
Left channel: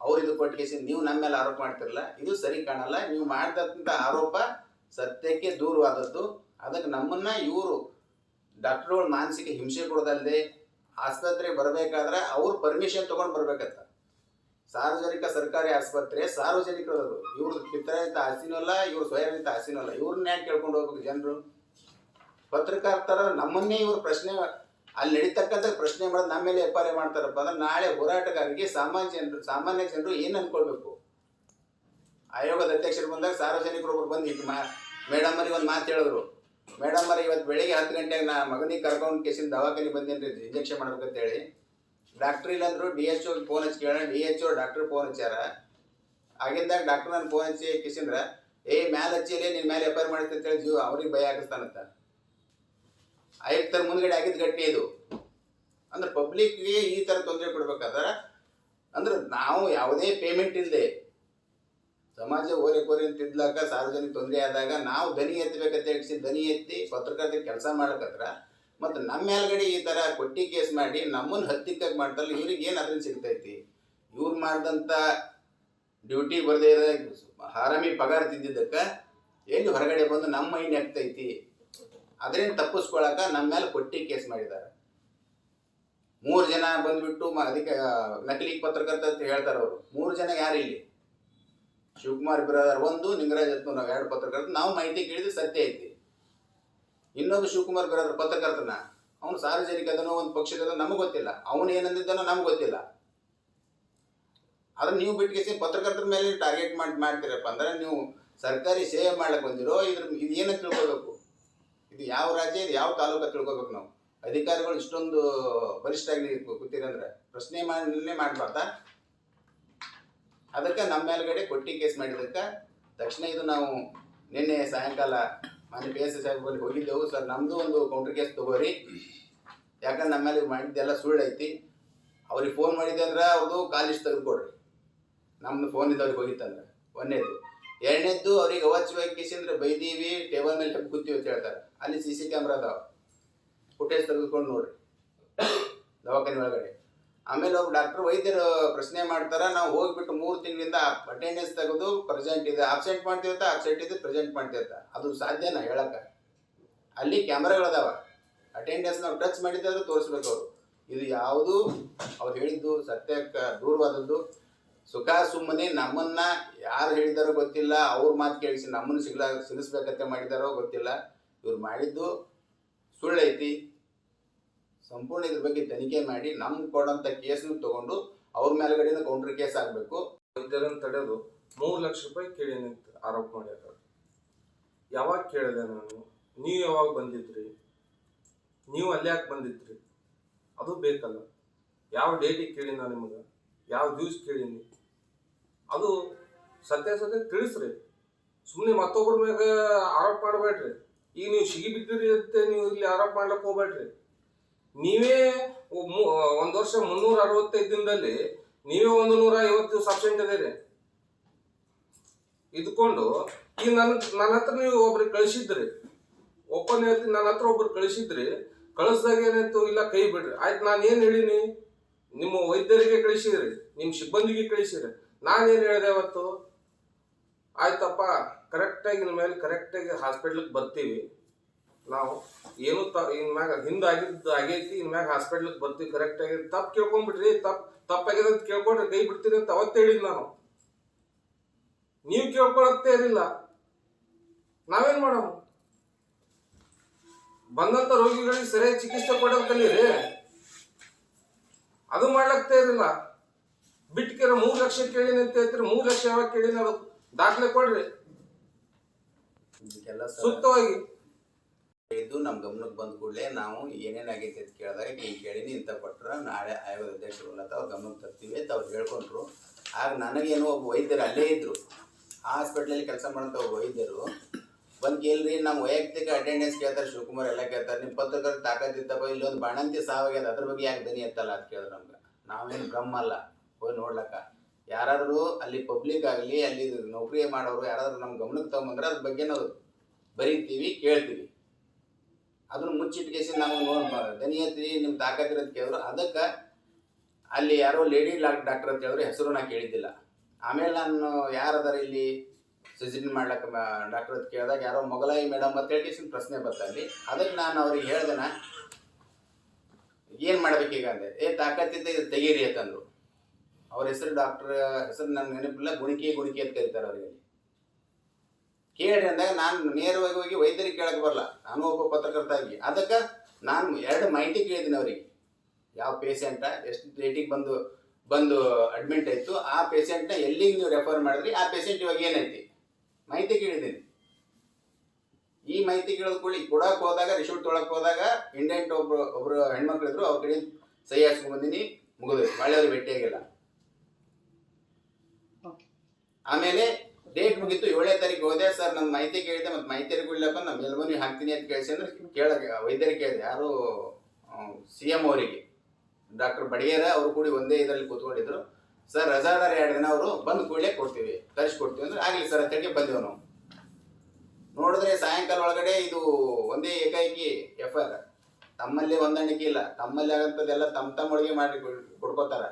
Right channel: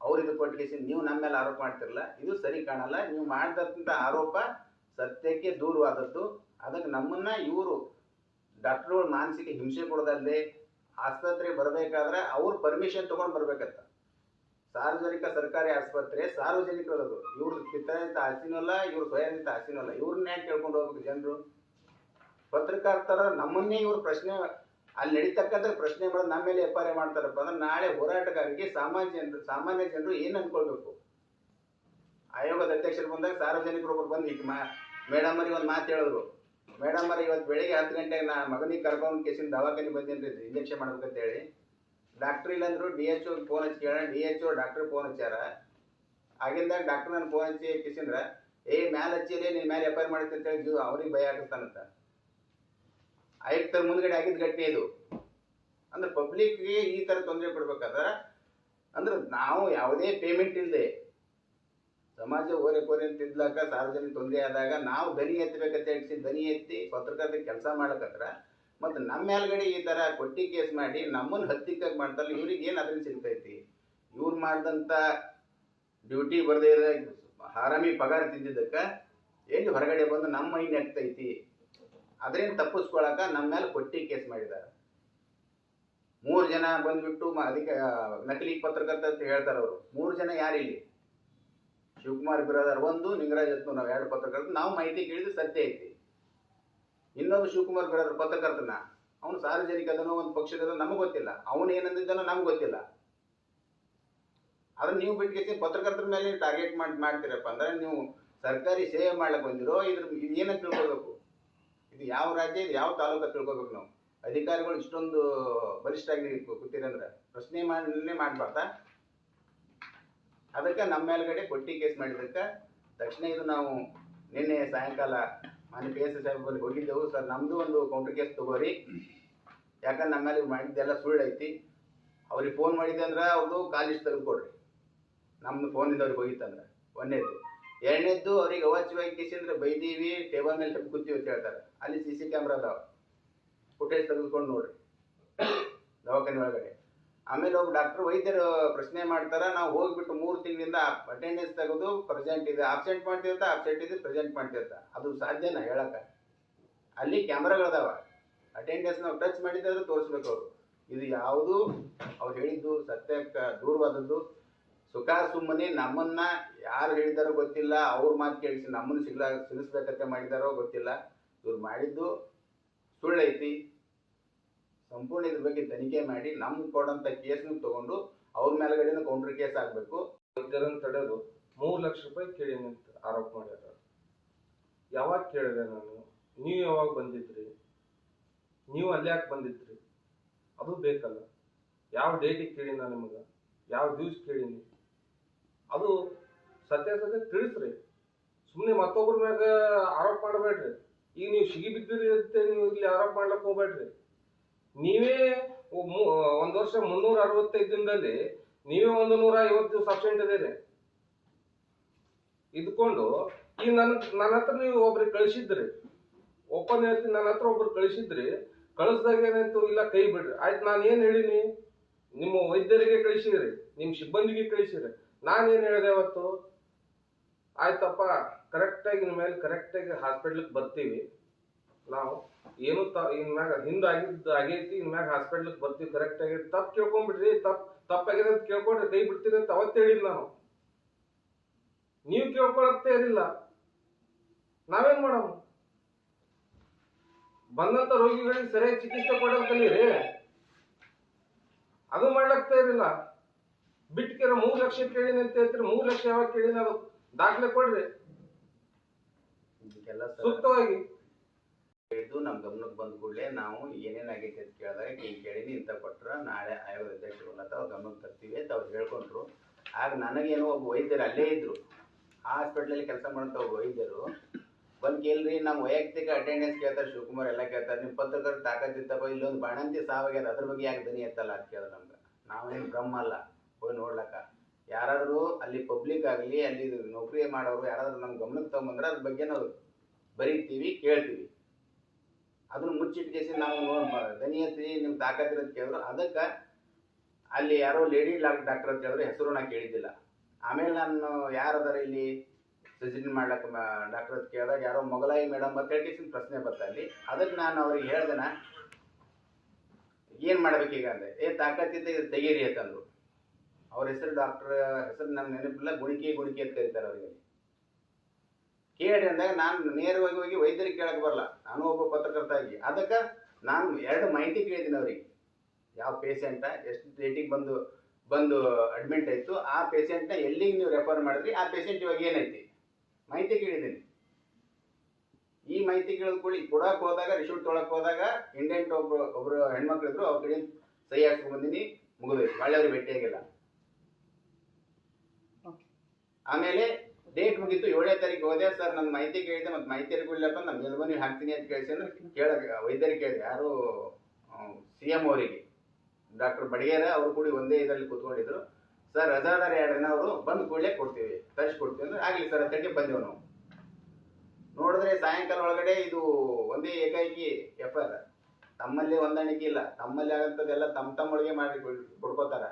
ಅವ್ರು ಇದು ಕೊಟ್ಟು ಕೇಸಿಂದ ನೀವು ನಮ್ಮ ಮೇಲೆ ಆರೋಪ ಮಾಡ್ತಿರಲ್ಲ, ಇದು ಸರಿ ಕಾಣಲ್ಲ. ನೀವು ಮಾಡಿದಂಥ ಆರೋಪ ಸತ್ಯಕ್ಕೆ ದೂರವಾದದ್ದು. ಅದಕ್ಕೆ ನಮ್ಮನ್ನ ಇವರು ಡಾಕ್ಟರ್ಗಳು ಮಾನಸಿಕ ಹಿಂಸೆ ಕೊಡೋದಲ್ಲದೆ ಆಸ್ಪತ್ರೆಗೆ ಬರಬೇಕಾದ್ರೆ ಅವ್ರು ಪರ್ಮಿಷನ್ ತಗೊಂಡು ಬರ್ಬೇಕಂತ. ಸಾರ್ವಜನಿಕ ಸರ್ಕಾರಿ ಆಸ್ಪತ್ರೆ ಸಾರ್ವಜನಿಕರದು, ಇವ್ರ ಪಿತರಿತ ಆಸ್ತಿನೂ ಅಲ್ಲ, ಇವ್ರ ಸ್ವಯಂತ ಆಸ್ತಿನೂ ಅಲ್ಲ. ಇವ್ರನ್ನ ಯಾಕೆ ಕೇಳ್ಕೊಂಡು ಹೋಗ್ಬೇಕು ಜನರು? ಪತ್ರಕರ್ತರ ನಮ್ಮನ್ನೇ ಇವ್ರು ಪ್ರಶ್ನೆ ಅಲ್ಲಿ ನಡೀತಕ್ಕಂಥ ಪ್ರಶ್ನೆ ಮಾಡೋದು ನಮ್ಮ ಮೇಲೆ FIR ಮಾಡ್ತಾರಪ್ಪ ಅಂದ್ರೆ ನಾಳೆ ಹೋರಾಟಗಾರರಿಗೆ ಸಾಮಾನ್ಯ ಜನರು ಏನು ಅನ್ಕೊಳ್ಬೇಕು? ಆಯೋಗದ ಅಧ್ಯಕ್ಷರು ಬಂದಾಗ ಸಾರ್ವಜನಿಕರೊಬ್ಬರು ಬಂದು ಮೇಡಮ್ ಅವ್ರಿಗೆ ಒಂದು ಮಾತು ಹೇಳಿದ್ರು. ಮೇಡಮ್ ಅವ್ರಿಗೆ ಇವತ್ತು ಬೆಳಿಗ್ಗೆ 10 ಗಂಟೆಗೆ ನಾ ಮಗನಿಗೆ ಕರ್ಕೊಂಡು ಕೇಸಿನ ದವಾಖಾನೆ ಬಂದೇನ್ರಿ ಇಂಜೆಕ್ಷನ್ ಮಾಡ್ಬೇಕಂತೇಳಿ. ಡಾಕ್ಟ್ರ್ ಇಲ್ಲಂದ್ರು DHO ಫೋನ್ ಹಚ್ಚಿ ಕೇಳೋಣ. DHO ಡಾಕ್ಟರ್ ಫೋನ್ ಹಚ್ಚಾರ. ಆಗಿಂದಾಗ ಡಾಕ್ಟರ್ ನನ್ನ ಫೋನ್ ಹಚ್ಚಿ ಕಿಸಿಂದ್ರ ಮ್ಯಾಲೆ ಹಚ್ಚಿಲಿ ನಿನ್ನ ಮೇಲೆ FIR ಮಾಡಿತ್ತು ಅಂತ ಹೇಳಿ ಅವ್ರಿಗೆ ಭಯ ಹಾಕಿಸ್ತಾನಂತ. ಆಯುಕ್ತರ ಮುಂದ್ಗಡೆ ಆಗಿದ್ದು ಗಟ್ಟಿ ಇದು. ಅಂದ್ರೆ ಪಬ್ಲಿಕ್ಗೆ ಈ ಥರ ತೊಂದರೆ ಕೊಡ್ಬೇಕಾದ್ರೆ ಅಂದ್ರೆ ನಾವು ಯಾವುದೇ ಪೇಮೆಂಟ್ ಇಲ್ಲದೆ ಸಮಾಜ ಓರೆ ಅಂತಿದ್ಲಾಕ ಸಾರ್ವಜನಿಕ ತೊಂದರೆ ಆದಾಗ ನಾವು ದನಿ ಎತ್ತಬೇಕಂತ ಹೇಳಿಸಿ ದನಿ ಎತ್ತಿ ಪತ್ರಕರ್ತರ ಕೆಲಸ ಮಾಡಕತ್ರ ಮತ್ತು ನಮ್ಮ ಮೇಲ್ಗಡೆ ಈ ಥರ ಕೊಟ್ಟಿ ಕೇಸ್ ಮಾಡಿ ನಮ್ಮನ್ನು ಹತ್ತಿಕ್ಕಾಗಿ ಮಾಡ್ತಾರಲ್ಲ, ಇವ್ರಿಗೆ ಏನು ಅದರಿಂದ ಸಿಗ್ತೈತಿ? ಇವ್ರು ಮಾಡಿದಂಥ ಡ್ಯೂಟಿ ಬರದೇ ಇರೋ ಹಾರಾಮಿ ಪಗಾರ ತಿಂದಿದ್ದಕ್ಕೆ ಎಲ್ಲಿ ಹೊರಗಡೆ ಬಂದು ನಮ್ಮ ಮೈ ನೆಗ್ತೈತಿ, ಅದರಿಂದ ತಪ್ಪಿಸ್ಕೊಳಕ ನಮ್ಮ ಮೇಲೆ ಕೊಟ್ಟಿ ಕೇಸ್ ಮಾಡಿದ್ದಾರೆ. 3 ಜನ ಬಂದ್ಬಿಟ್ಟು ಅದಕ್ಕೆ ನಕಲಿ ಪತ್ರಕರ್ತ ಅಂತ ಹೇಳ್ತಾರೆ ಅವರು. 3 ಜನ ಯಾರಿಲ್ಲಿ? ಶಿವಕುಮಾರ್ ಬಿರಾದರ್ 1, ನಿಂಗರಾಜ್ ಹತ್ನೂರ್ ನಾವು 2 ಪತ್ರಕರ್ತ. ನಾವು ಮಾಹಿತಿ ಕೇಳಿದ್ರೆ ಸತ್ಯ ಐತಿ. ಇನ್ನೊಬ್ಬ ಶಿವಕುಮಾರ್ ಬಿರಾದರ್ ಪತ್ರಕರ್ತನ ಅವನು ಸಾರ್ವಜನಿಕ ಅದನ್ನೋ ಒಂದು ಪಕ್ಷದ ನಮಗೆ ಗೊತ್ತಿಲ್ಲ, ಅವನು ಏನಂದಿದ್ದಾನೋ ನಮ್ಗೆ ಗೊತ್ತಿಲ್ಲ. ಅದನ್ನ ನೀವು ಬಿಟ್ಟು ಪತ್ರಕರ್ತರ ಮೇಲೆ ಟಾರ್ಗೆಟ್ ಮಾಡ್ತೀರಪ್ಪ ಅಂದ್ರೆ ನೀವು ಸರ್ಕಾರಿ ಸೇವೆ ಮಾಡ್ಲಿಕ್ಕೆ ಬಂದಿರೋ ಇದು ಏನಂತ ತಿಳ್ಕೊಬೇಕು? ಇದು ಯಾವ ರಾಜ್ಯ, ಇದು ಯಾವ ತಾಲೂಕು ತಿಳ್ಕೊಬೇಕು ನಾವು. ಅಧಿಕಾರಿಗಳು ಇಷ್ಟೊಂದು ಬಲಿಷ್ಠಾಗಿ ಕೂತಿರಂದ್ರೆ ಪ್ರಶ್ನೆ ಮಾಡಬಾರ್ದಾ? ಅದಕ್ಕೆ ನಮ್ಮ ಮೇಲ್ಗಡೆ ಕೊಟ್ಟಿ ಕೇಸ್ ಮಾಡಿದಕ್ಕೆ ತಕ್ಷಣ ಇದು ನಾವು ನಿನ್ನೆ ಸಾಯಂಕಾಲ ಮಾನ್ಯ PS ಸಾಹೇಬಲ್ಲಿ ಹೋಗಿದ್ದೆವು. ಸರ್ ನಮ್ಮದು ಒಂದು ಕೌಂಟರ್ ಕೇಸ್ ತಗೋರಿ, ಯಾಕಂದ್ರೆ ನಮ್ಮ ಮೇಲೆ ಮಾಡಿದ್ದೆಲ್ಲ ಸುಳ್ಳು ಐತಿ. ಅವ್ರಿಗೆ ಫೋನ್ ಮಾಡಿದ್ದೆ ಅಂದ್ರೆ ಅವ್ರದ್ದು ಕಾಲಿಸ್ಟ್ ತೆಗೆದುಕೊಡ್ರಿ, ನಮ್ಮದು ಫೋನ್ ಇದ್ದವ್ರಿಗೆ ಹೋಗಿತ್ತಂದ್ರೆ. 1ನೇದು. 2ನೇದ್ದು ಅವ್ರಿಗೆ ಅವಾಚ್ಯವಾಗಿ ಕೇಸಿಂದ್ರೆ ಬೈದೀವಿ, ಟೇಬಲ್ ಮೇಲೆ ಹೆಪ್ಪು ಕೂತೀವಿ ಅಂತ ಹೇಳ್ತಾರೆ. ಅಲ್ಲಿ CC ಕ್ಯಾಮ್ರಾ ಅದಾವ, ಫುಟೇಜ್ ತೆಗೆದುಕೊಂಡು ನೋಡ್ರಿ ದವಾಖಾನೆ ಒಳಗಡೆ. ಆಮೇಲೆ ಒಬ್ಬ ಡಾಕ್ಟರ್ ವೈದ್ಯರು ಪ್ರಶ್ನೆ ಮಾಡ್ತಾರ, ನಾವು ಹೋಗ್ಬಿಟ್ಟು 3 ತಿಂಗಳಿಂದ ಅಟೆಂಡೆನ್ಸ್ ತೆಗೆದು ಪ್ರೆಸೆಂಟ್ ಇದೆ, ಆಬ್ಸೆಂಟ್ ಮಾಡ್ತೀವತ್ತ, ಆಬ್ಸೆಂಟ್ ಇದೆ, ಪ್ರೆಸೆಂಟ್ ಮಾಡ್ತೀವತ್ತ. ಅದು ಸಾಧ್ಯನಾ ಹೇಳಕ್ಕ? ಅಲ್ಲಿ ಕ್ಯಾಮ್ರಾಗಳದಾವ, ಅಟೆಂಡೆನ್ಸ್ ನಾವು ಟಚ್ ಮಾಡಿದ್ರೆ ತೋರಿಸ್ಬೇಕು ಅವರು. ಇದು ಯಾವುದು ಅವ್ರು ಹೇಳಿದ್ದು ಸತ್ಯಕ್ಕೆ ದೂರವಾದದ್ದು. ಸುಖ ಸುಮ್ಮನೆ ನಮ್ಮನ್ನ ಯಾರು ಹೇಳಿದಾರೋ ಗೊತ್ತಿಲ್ಲ, ಅವ್ರ ಮಾತು ಕೇಳಿಸಿ ನಮ್ಮನ್ನು ಸಿಗಿಸ್ಬೇಕಂತ ಮಾಡಿದಾರೋ ಗೊತ್ತಿಲ್ಲ. ಇವ್ರು ಮಾಡಿದ್ದು ಸುಳ್ಳೈತಿ. ಸಂಪೂರ್ಣ ಇದ್ರ ಬಗ್ಗೆ ತನಿಖೆ ಮಾಡಿ ನಮ್ಗೆ ಕೊಡೋಂಥ ಕೇಸನ್ನು ತಗೊಂಡು ಅವ್ರ ಮೇಲ್ಗಡೆನೂ ಕೌಂಟರ್ ಕೇಸ್ ಆಗಬೇಕು. ಇದನ್ನು ತಡೆದು 3 ಲಕ್ಷ ರೂಪಾಯಿ ಕೇಳಿ ನಿಂತು ಆರೋಪ ಮಾಡ್ಯಾರ. ಯಾವಾಗ ಕೇಳಿದೆ ನಾನು? ನೀವು ಯಾವಾಗ ಬಂದಿದ್ರಿ? ನೀವು ಅಲ್ಲಿ ಯಾಕೆ ಬಂದಿದ್ರಿ? ಅದು ಬೇಕಲ್ಲ. ಯಾವ ಡೇಟಿಗೆ ಕೇಳಿ ನಾವು ನಿಮಗೆ? ಯಾವ ದಿವ್ಸ ಕೇಳೀನಿ? ಅದು ಸತ್ಯ ತಿಳಿಸ್ರಿ. ಸುಮ್ಮನೆ ಮತ್ತೊಬ್ಬರ ಮ್ಯಾಗ ಆರೋಪ ಮಾಡಬೇಡ್ರಿ. ಈಗ ನೀವು ಸಿಗಿ ಬಿದ್ದಿರಿ ಅಂತ ನೀವು ಇಲ್ಲಿ ಆರೋಪ ಮಾಡ್ಲಿಕ್ಕೆ ಹೋಗ್ಬೇಡ್ರಿ. ನೀವೇ 1 ವರ್ಷ 365 ದಿನದಲ್ಲಿ ನೀವೇ 150 ದಿವಸ ಅಬ್ಸೆಂಟ್ ಇದೀರಿ. ಇದ್ಕೊಂಡು ಈಗ ನನ್ನ ಹತ್ರ ನೀವು ಒಬ್ರಿಗೆ ಕಳಿಸಿದ್ರಿ, ಓಪನ್ ಹೇಳ್ತೀನಿ, ನನ್ನ ಹತ್ರ ಒಬ್ರು ಕಳಿಸಿದ್ರಿ. ಕಳಿಸ್ದಾಗ ಏನಾಯ್ತು? ಇಲ್ಲ ಕೈ ಬಿಡ್ರಿ. ಆಯ್ತು, ನಾನು ಏನು ಹೇಳಿನಿ? ನಿಮ್ಮ ವೈದ್ಯರಿಗೆ ಕಳಿಸಿದ್ರಿ, ನಿಮ್ಮ ಸಿಬ್ಬಂದಿಗೆ ಕಳಿಸಿದ್ರಿ. ನಾನೇನು ಹೇಳಿದೆ ಅವತ್ತು? ಆಯ್ತಪ್ಪ, ಕರೆಕ್ಟಾಗಿ ನಿಮ್ಮ ಮೇಲೆ ಕರೆಕ್ಟಾಗಿ ಹಾಸ್ಪಿಟ್ಲಿಗೆ ಬರ್ತೀವಿ ನಾವು, ಏನು ಇನ್ಮ್ಯಾಗ ಆಗೈತಿ, ಇನ್ಮ್ಯಾಗ ಹಾಸ್ಪಿಟ್ಲಿಗೆ ಬರ್ತೀವಿ ಕರೆಕ್ಟಾಗಿ. ತಪ್ಪು ಕೇಳ್ಕೊಂಡ್ಬಿಡ್ರಿ, ತಪ್ಪಾಗ್ಯದ ಅಂತ ಕೇಳ್ಕೊಂಡ್ರೆ ಕೈ ಬಿಡ್ತೀರಿ ಅಂತ ಅವತ್ತು ಹೇಳಿದ್ ನಾವು. ನೀವು ಕೇಳ್ಕೊಳಕ್ತೇ ಇರಲಿಲ್ಲ, ನಾವೇನ್ ಮಾಡೋಣ? ಬಂದಂತ ರೋಗಿಗಳಿಗೆ ಸರಿಯಾಗಿ ಚಿಕಿತ್ಸೆ ಕೊಡೋದ್ ಕಲೀರಿ, ಅದು ಮಾಡ್ಲಕ್ತೇ ಇರಲಿಲ್ಲ. ಬಿಟ್ಕೆರ 3 ಲಕ್ಷ ಕೇಳಿನಿ ಅಂತ ಹೇಳ್ತೀರಿ. 3 ಲಕ್ಷ ಯಾವಾಗ ಕೇಳಿನಿ? ಅದು ದಾಖಲೆ ಕೊಡ್ರಿ ಸೂಕ್ತವಾಗಿ. ಹೇಳಿದ್ದು ನಮ್ಮ ಗಮನಕ್ಕೆ ಬಂದ ಕೂಡಲೇ ನಾವು ಏನೇನಾಗೈತೆ ಅಂತ ಕೇಳಿದಾಗ ಹಿಂಗೆ ಕೇಳೀನಿ ಇಂಥ ಕೊಟ್ಟರೆ ನಾಳೆ ಆಯೋಗದ ಅಧ್ಯಕ್ಷರು ತಾವು ಗಮನಕ್ಕೆ ತರ್ತೀವಿ ಅಂತ ಅವ್ರು ಹೇಳ್ಕೊಂಡ್ರು. ಆಗ ನನಗೇನು ಒಬ್ಬ ವೈದ್ಯರು ಅಲ್ಲೇ ಇದ್ದರು, ಹಾಸ್ಪಿಟ್ಲಲ್ಲಿ ಕೆಲಸ ಮಾಡೋಂಥ ಒಬ್ಬ ವೈದ್ಯರು ಬಂದು ಕೇಳ್ರಿ, ನಮ್ಮ ವೈಯಕ್ತಿಕ ಅಟೆಂಡೆನ್ಸ್ ಕೇಳ್ತಾರೆ, ಶಿವಕುಮಾರ್ ಎಲ್ಲ ಕೇಳ್ತಾರೆ, ನಿಮ್ಮ ಪತ್ರಕರ್ತ ತಾಕತ್ತಿತ್ತಪ್ಪ, ಇಲ್ಲೊಂದು ಬಾಣಂತಿ ಸಾವಾಗ್ಯದ ಅದ್ರ ಬಗ್ಗೆ ಯಾಕೆ ದನಿ ಎತ್ತಲ್ಲ ಅಂತ ಕೇಳಿದ್ರು ನಮ್ಗೆ. ನಾವೇನು ಬ್ರಹ್ಮ ಅಲ್ಲ ಹೋಗಿ ನೋಡ್ಲಕ್ಕ. ಯಾರಾದರೂ ಅಲ್ಲಿ ಪಬ್ಲಿಕ್ ಆಗಲಿ ಅಲ್ಲಿ ನೌಕರಿ ಮಾಡೋರು ಯಾರಾದ್ರೂ ನಮ್ಮ ಗಮನಕ್ಕೆ ತಗೊಂಬಂದ್ರೆ ಅದ್ರ ಬಗ್ಗೆ ನಾವು ಬರೀತೀವಿ, ಕೇಳ್ತೀವಿ. ಅದನ್ನು ಮುಚ್ಚಿಟ್ಕೇಸಿ ನಾವು ದನಿ ಎತ್ತಿ ನಿಮ್ಮ ತಾಕತ್ತಿರೋದು ಕೇಳಿದ್ರು. ಅದಕ್ಕೆ ಅಲ್ಲಿ ಯಾರೋ ಲೇಡಿ ಡಾಕ್ಟರ್ ಅಂತ ಹೇಳಿದ್ರು, ಹೆಸರು ನಾ ಕೇಳಿದ್ದಿಲ್ಲ. ಆಮೇಲೆ ನಾನು ಯಾರದಾರ ಇಲ್ಲಿ ಸಜೆಷನ್ ಮಾಡ್ಲಕ್ಕೆ ಡಾಕ್ಟರ್ ಅಂತ ಕೇಳಿದಾಗ ಯಾರೋ ಮೊಗಲಾಯಿ ಮೇಡಮ್ ಅಂತ ಹೇಳಿ ಪ್ರಶ್ನೆ ಬರ್ತಲ್ಲಿ. ಅದಕ್ಕೆ ನಾನು ಅವ್ರಿಗೆ ಹೇಳ್ದೇನ ಏನು ಮಾಡ್ಬೇಕೀಗ ಅಂದೆ. ತಾಕತ್ತಿದ್ದ ಇದು ತೆಗೀರಿ ಅಂತಂದ್ರು. ಅವ್ರ ಹೆಸರು ಡಾಕ್ಟರ್ ಹೆಸರು ನಮ್ಗೆ ನೆನಪಿಲ್ಲ, ಗುಣಿಕೆ ಅಂತ ಕರೀತಾರೆ ಅವರಿಗೆ. ಕೇಳ್ರಿ ಅಂದಾಗ ನಾನು ನೇರವಾಗಿ ಹೋಗಿ ವೈದ್ಯರಿಗೆ ಕೇಳಕ್ಕೆ ಬರಲ್ಲ, ನಾನು ಒಬ್ಬ ಪತ್ರಕರ್ತ ಆಗಿ. ಅದಕ್ಕೆ ನಾನು 2 ಮಾಹಿತಿ ಕೇಳಿದ್ದೀನಿ ಅವ್ರಿಗೆ. ಯಾವ ಪೇಷಂಟ ಎಷ್ಟು ಡೇಟಿಗೆ ಬಂದು ಅಡ್ಮಿಟ್ ಆಯಿತು, ಆ ಪೇಷಂಟ್ನ ಎಲ್ಲಿಗೆ ನೀವು ರೆಫರ್ ಮಾಡಿದ್ರಿ, ಆ ಪೇಷಂಟ್ ಇವಾಗ ಏನೈತಿ ಮಾಹಿತಿ ಕೇಳಿದ್ದೀನಿ. ಈ ಮಾಹಿತಿ ಕೇಳೋದು ಕೊಡಕ್ಕೆ ಹೋದಾಗ ರಿಸೀಟ್ ತೊಳಕ್ಕೆ ಹೋದಾಗ ಇಂಡೆಂಟ್ ಒಬ್ರು ಹೆಣ್ಮಕ್ಳು ಇದ್ರು, ಅವ್ರ ಕಡೆ ಸಹಿ ಹಾಕ್ಸ್ಕೊಂಡ್ ಬಂದಿನಿ, ಮುಗಿದೋಯ್ತು. ಒಳ್ಳೆಯವ್ರು ಭೇಟಿಯಾಗಿಲ್ಲ. ಆಮೇಲೆ ಡೇಟ್ ಮುಗಿತು, 7ನೇ ತಾರೀಕು ಹೋದೆ. ಸರ್ ನನ್ನ ಮಾಹಿತಿ ಕೇಳಿದೆ, ಮತ್ತೆ ಮಾಹಿತಿ ಕೊಡ್ಲಪ್ಪ ನಾನು ಮೇಲ್ಮನಿ ಹಾಕ್ತೀನಿ ಅಂತ ಕೇಳಿಸಿ ಅಂದ್ರೆ ವೈದ್ಯರಿಗೆ ಕೇಳಿದೆ. ಯಾರು CM ಅವರಿಗೆ, ಡಾಕ್ಟರ್ ಬಡಿಗೇರ ಅವರು ಕೂಡಿ ಒಂದೇ ಇದರಲ್ಲಿ ಕೂತ್ಕೊಂಡಿದ್ರು. ಸರ್ ರಜಾದಾರ 2 ದಿನ, ಅವರು ಬಂದು ಕೂಡಲೇ ಕೊಡ್ತೀವಿ, ತರಿಸ್ಕೊಡ್ತೀವಿ ಅಂದ್ರೆ ಆಗಲಿ ಸರ್ ಅಂತೇಳಿ ಬಂದೆವು ನಾವು. ನೋಡಿದ್ರೆ ಸಾಯಂಕಾಲ ಒಳಗಡೆ ಇದು ಒಂದೇ ಏಕಾಏಕಿ FIR. ತಮ್ಮಲ್ಲಿ ಹೊಂದಾಣಿಕೆ ಇಲ್ಲ, ತಮ್ಮಲ್ಲಿ ಆಗಂತದೆಲ್ಲ ತಮ್ಮೊಳಗೆ ಮಾಡಿ ಕೊಡ್ಕೋತಾರ.